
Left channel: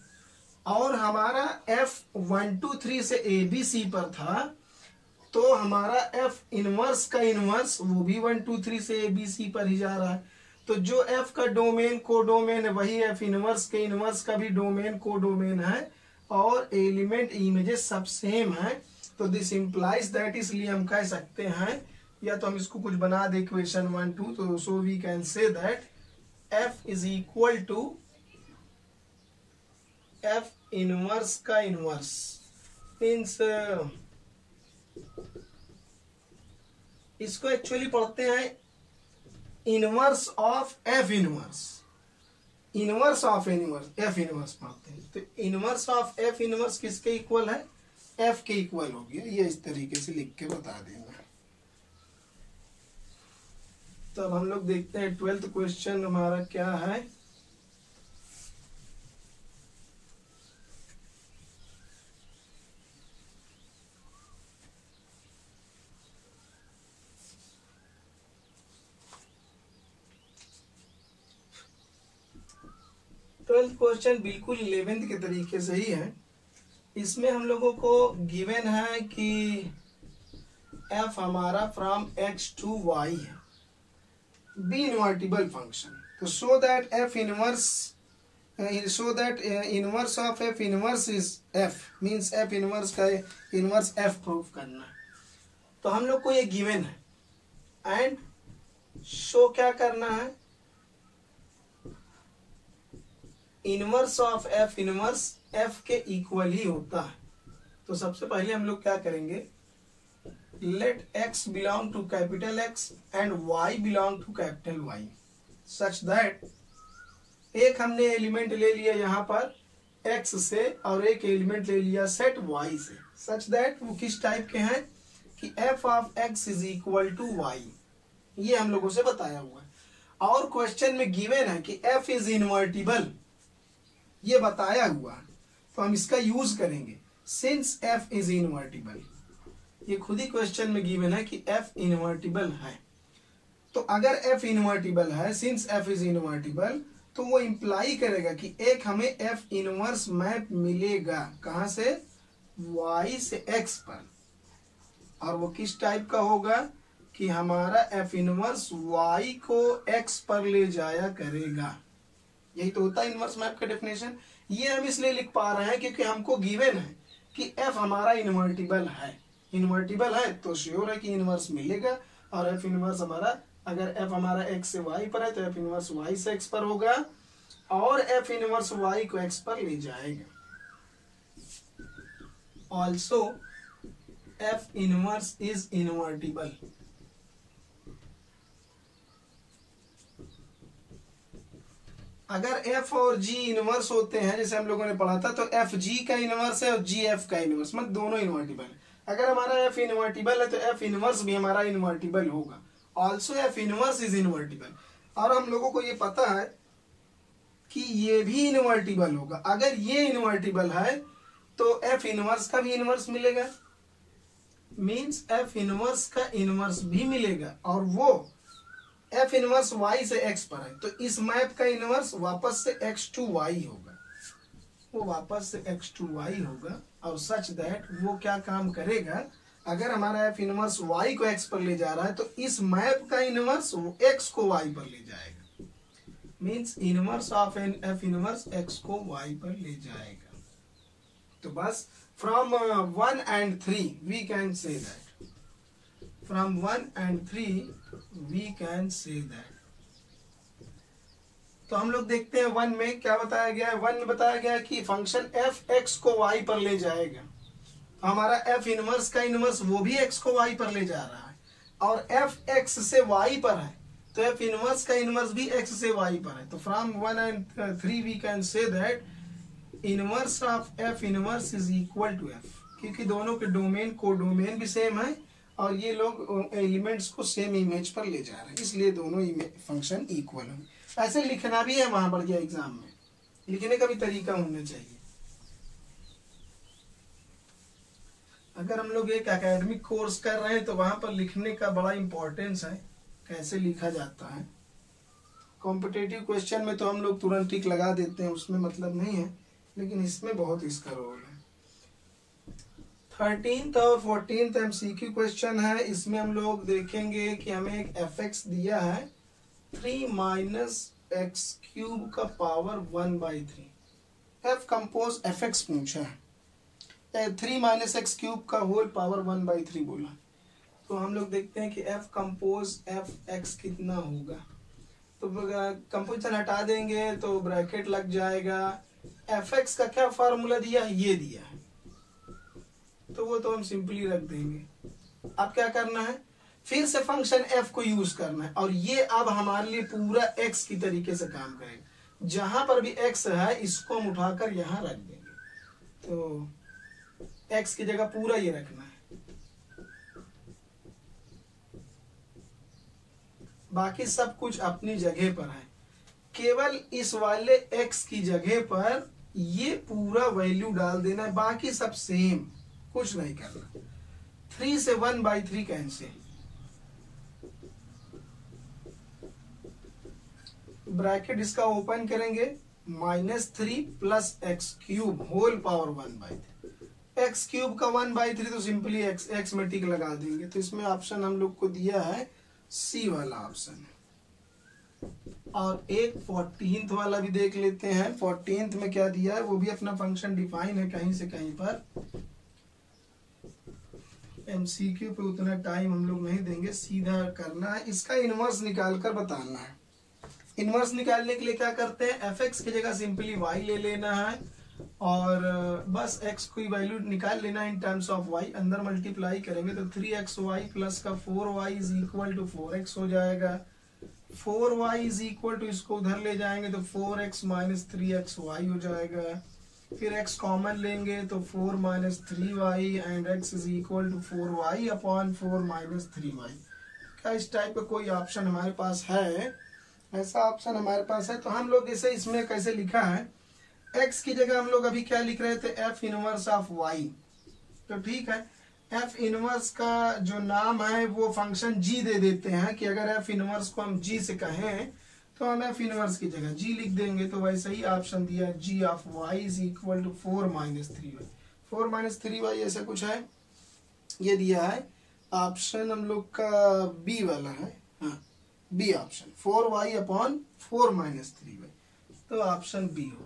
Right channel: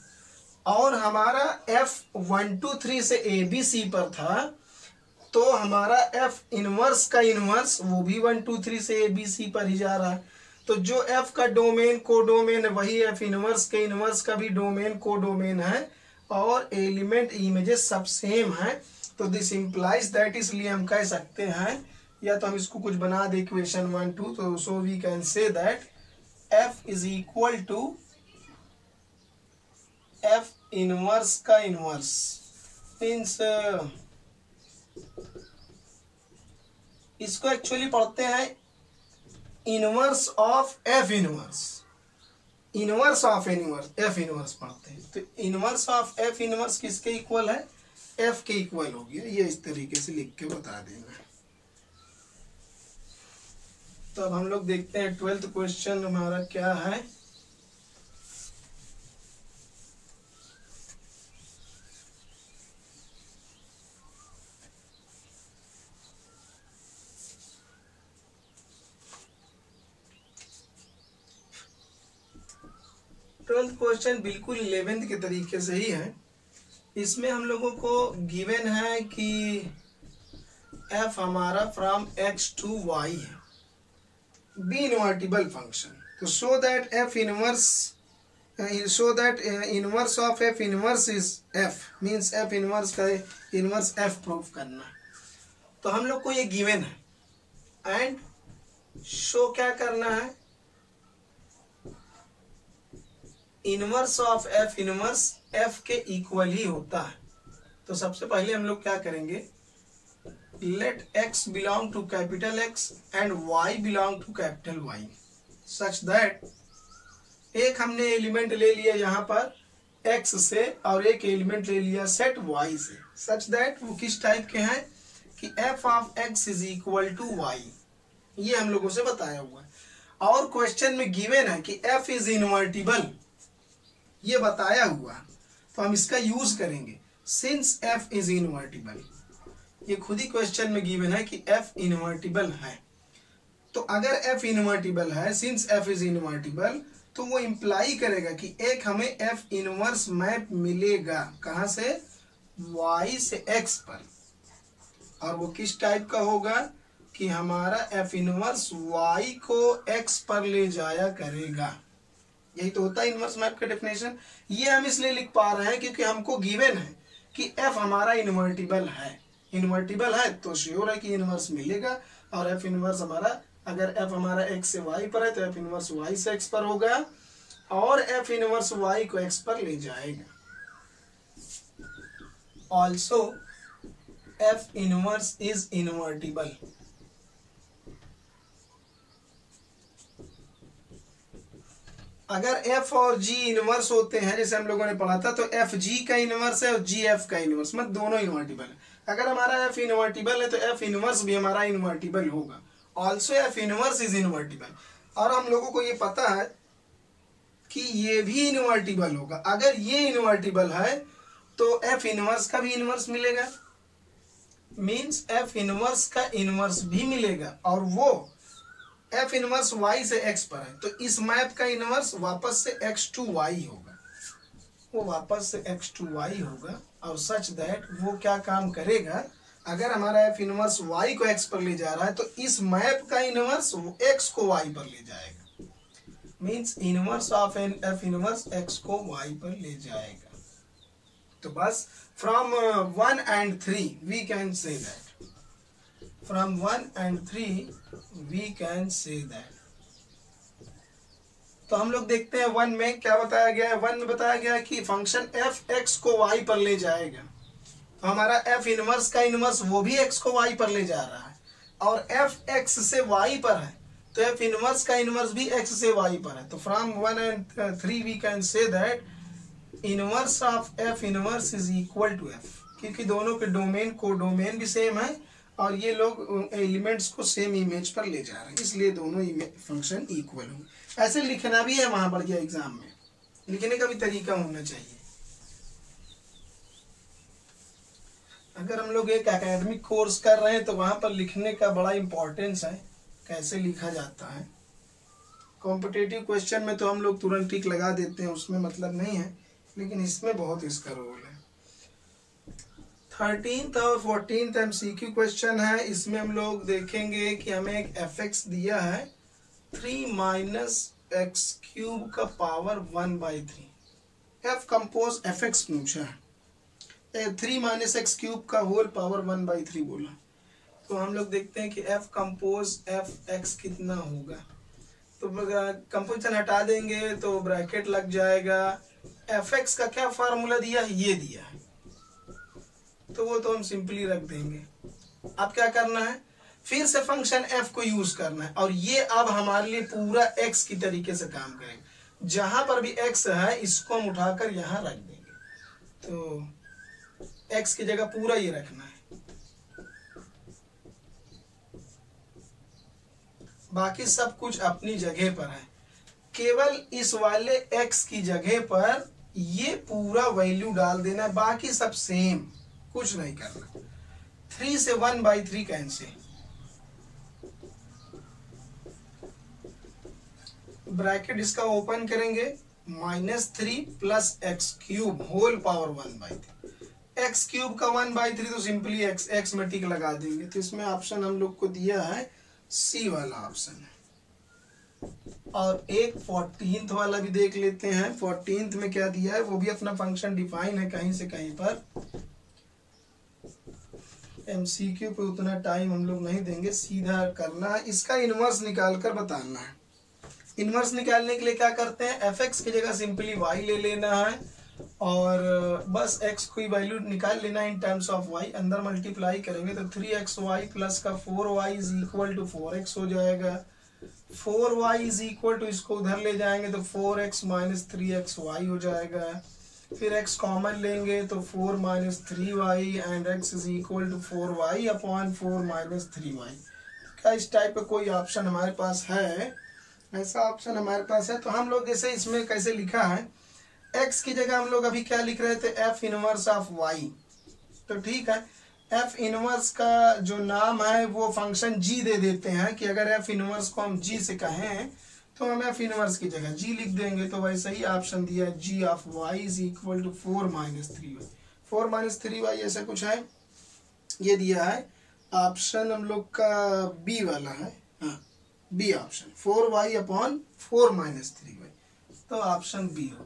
और हमारा f 1 2 3 से ABC पर था तो हमारा f इनवर्स का इनवर्स वो भी 1 2 3 से ABC पर ही जा रहा है। तो जो f का डोमेन को डोमेन है वही f इनवर्स के इनवर्स का भी डोमेन को डोमेन है, और एलिमेंट इमेजेस सब सेम है। तो दिस इम्प्लाइज दैट, इसलिए हम कह सकते हैं, या तो हम इसको कुछ बना दे इक्वेशन 1 2, तो so we can say that f is equal to f inverse का इनवर्स मीन्स इसको एक्चुअली पढ़ते हैं inverse of F inverse, inverse of inverse F inverse पढ़ते हैं। तो इनवर्स ऑफ एफ इनवर्स किसके इक्वल है, एफ के इक्वल हो गया। ये इस तरीके से लिख के बता देना। तो अब हम लोग देखते हैं 12th क्वेश्चन हमारा क्या है। ट्वेल्थ क्वेश्चन बिल्कुल 11th के तरीके से ही है। इसमें हम लोगों को गिवन है कि f हमारा फ्रॉम x टू y है, बी इनवर्टिबल फंक्शन। तो so that f inverse, so that inverse of f inverse is f, means f inverse का इनवर्स f प्रूफ करना। तो हम लोग को ये गिवन है एंड शो क्या करना है, inverse of F inverse F के इक्वल ही होता है। तो सबसे पहले हम लोग क्या करेंगे, let x belong to capital X and y belong to capital Y, such that एक हमने एलिमेंट ले लिया यहाँ पर x से और एक एलिमेंट ले लिया सेट y से, सच दैट वो किस टाइप के हैं कि f of x is equal to y। ये हम लोगों से बताया हुआ है। और क्वेश्चन में गिवन है कि f इज इनवर्टिबल, ये बताया हुआ है। तो हम इसका यूज करेंगे सिंस f इज इनवर्टिबल। ये खुद ही क्वेश्चन में गिवन है कि f इनवर्टिबल है। तो अगर f इनवर्टिबल है, सिंस f इज इनवर्टिबल, तो वो इंप्लाई करेगा कि एक हमें f इनवर्स मैप मिलेगा, कहां से, y से x पर। और वो किस टाइप का होगा कि हमारा f इनवर्स y को x पर ले जाया करेगा। यही तो होता है इनवर्स मैप का डेफिनेशन। ये हम इसलिए लिख पा रहे हैं क्योंकि हमको गिवन है कि f हमारा इनवर्टिबल है। इनवर्टिबल है तो श्योर है कि इनवर्स मिलेगा। और f इनवर्स हमारा, अगर f हमारा x से y पर है तो f इनवर्स y से x पर होगा और f इनवर्स y को x पर ले जाएगा। Also f inverse is invertible. अगर f और g इनवर्स होते हैं, जैसे हम लोगों ने पढ़ा था, तो f g का इनवर्स है और g f का इनवर्स, मतलब दोनों इनवर्टिबल है। अगर हमारा f इनवर्टिबल है तो f इनवर्स भी हमारा इनवर्टिबल होगा। Also f inverse is invertible. और हम लोगों को ये पता है कि ये भी इनवर्टिबल होगा। अगर ये इनवर्टिबल है तो f इनवर्स का भी इनवर्स मिलेगा, मीन्स f इनवर्स का इनवर्स भी मिलेगा। और वो f इनवर्स y से x पर है, तो इस मैप का इनवर्स वापस से x टू y होगा, वो वापस से x टू y होगा। और सच दैट वो क्या काम करेगा, अगर हमारा f इनवर्स y को x पर ले जा रहा है तो इस मैप का इनवर्स x को y पर ले जाएगा, means inverse of f inverse x को y पर ले जाएगा। तो बस from 1 and 3 we can say that, from 1 and 3 we can say that. तो हम लोग देखते हैं 1 में क्या बताया गया है। 1 में बताया गया है कि फंक्शन f x को y पर ले जाएगा। तो हमारा f इनवर्स का इनवर्स वो भी x को y पर ले जा रहा है और f x से y पर है, तो f इनवर्स का इनवर्स भी x से y पर है। तो from 1 and 3 we can say that inverse of f inverse is equal to f, क्योंकि दोनों के डोमेन को डोमेन भी सेम है और ये लोग एलिमेंट्स को सेम इमेज पर ले जा रहे हैं, इसलिए दोनों फंक्शन इक्वल होंगे। ऐसे लिखना भी है वहां पर, ये एग्जाम में लिखने का भी तरीका होना चाहिए। अगर हम लोग एक एकेडमिक कोर्स कर रहे हैं तो वहां पर लिखने का बड़ा इंपॉर्टेंस है, कैसे लिखा जाता है। कॉम्पिटिटिव क्वेश्चन में तो हम लोग तुरंत टिक लगा देते हैं, उसमें मतलब नहीं है, लेकिन इसमें बहुत इसका रोल है। 13th और 14th MCQ क्वेश्चन है। इसमें हम लोग देखेंगे कि हमें एक fx दिया है 3 माइनस एक्स क्यूब का पावर 1/3। f कंपोज fx पूछा है, 3 माइनस एक्स क्यूब का होल पावर 1/3 बोला। तो हम लोग देखते हैं कि f कंपोज fx कितना होगा। तो कंपोजिशन हटा देंगे तो ब्रैकेट लग जाएगा। fx का क्या फार्मूला दिया है, ये दिया है, तो वो तो हम सिंपली रख देंगे। अब क्या करना है, फिर से फंक्शन f को यूज करना है, और ये अब हमारे लिए पूरा x की तरीके से काम करेगा। जहां पर भी x है इसको हम उठाकर यहां रख देंगे, तो x की जगह पूरा ये रखना है। बाकी सब कुछ अपनी जगह पर है, केवल इस वाले x की जगह पर ये पूरा वैल्यू डाल देना है, बाकी सब सेम, कुछ नहीं करना। 3 से 1/3 कैंसिल, ब्रैकेट इसका ओपन करेंगे, -3 plus x³ whole power 1/3। x³ का 1/3 तो सिंपली x में टिक लगा देंगे। तो इसमें ऑप्शन हम लोग को दिया है सी वाला ऑप्शन। और एक 14th वाला भी देख लेते हैं। 14th में क्या दिया है, वो भी अपना फंक्शन डिफाइन है कहीं से कहीं पर। MCQ पे उतना टाइम हम लोग नहीं देंगे, सीधा करना है। इसका इनवर्स निकाल कर बताना है। इनवर्स निकालने के लिए क्या करते हैं, fx की जगह सिंपली y ले लेना है और बस x की वैल्यू निकाल लेना है इन टर्म्स ऑफ y। अंदर मल्टीप्लाई करेंगे तो 3xy प्लस का 4y is equal to 4x हो जाएगा। 4y इज इक्वल टू, इसको उधर ले जाएंगे तो 4x माइनस 3xy हो जाएगा। फिर x कॉमन लेंगे तो 4 minus 3y and x is equal to 4y upon 4 minus 3y। क्या इस टाइप का कोई ऑप्शन हमारे पास है? ऐसा ऑप्शन हमारे पास है। तो हम लोग जैसे इसमें कैसे लिखा है, x की जगह हम लोग अभी क्या लिख रहे थे, f इनवर्स ऑफ y। तो ठीक है, f इनवर्स का जो नाम है वो फंक्शन g दे देते हैं कि अगर f इनवर्स को हम g से कहें तो हम f इनवर्स की जगह g लिख देंगे। तो वैसे ही ऑप्शन दिया है g of y is equal to 4 minus 3y। 4 minus 3y ऐसा कुछ है, ये दिया है। ऑप्शन हम लोग का बी वाला है, हाँ B option, 4y upon 4 minus 3y। तो ऑप्शन बी हो।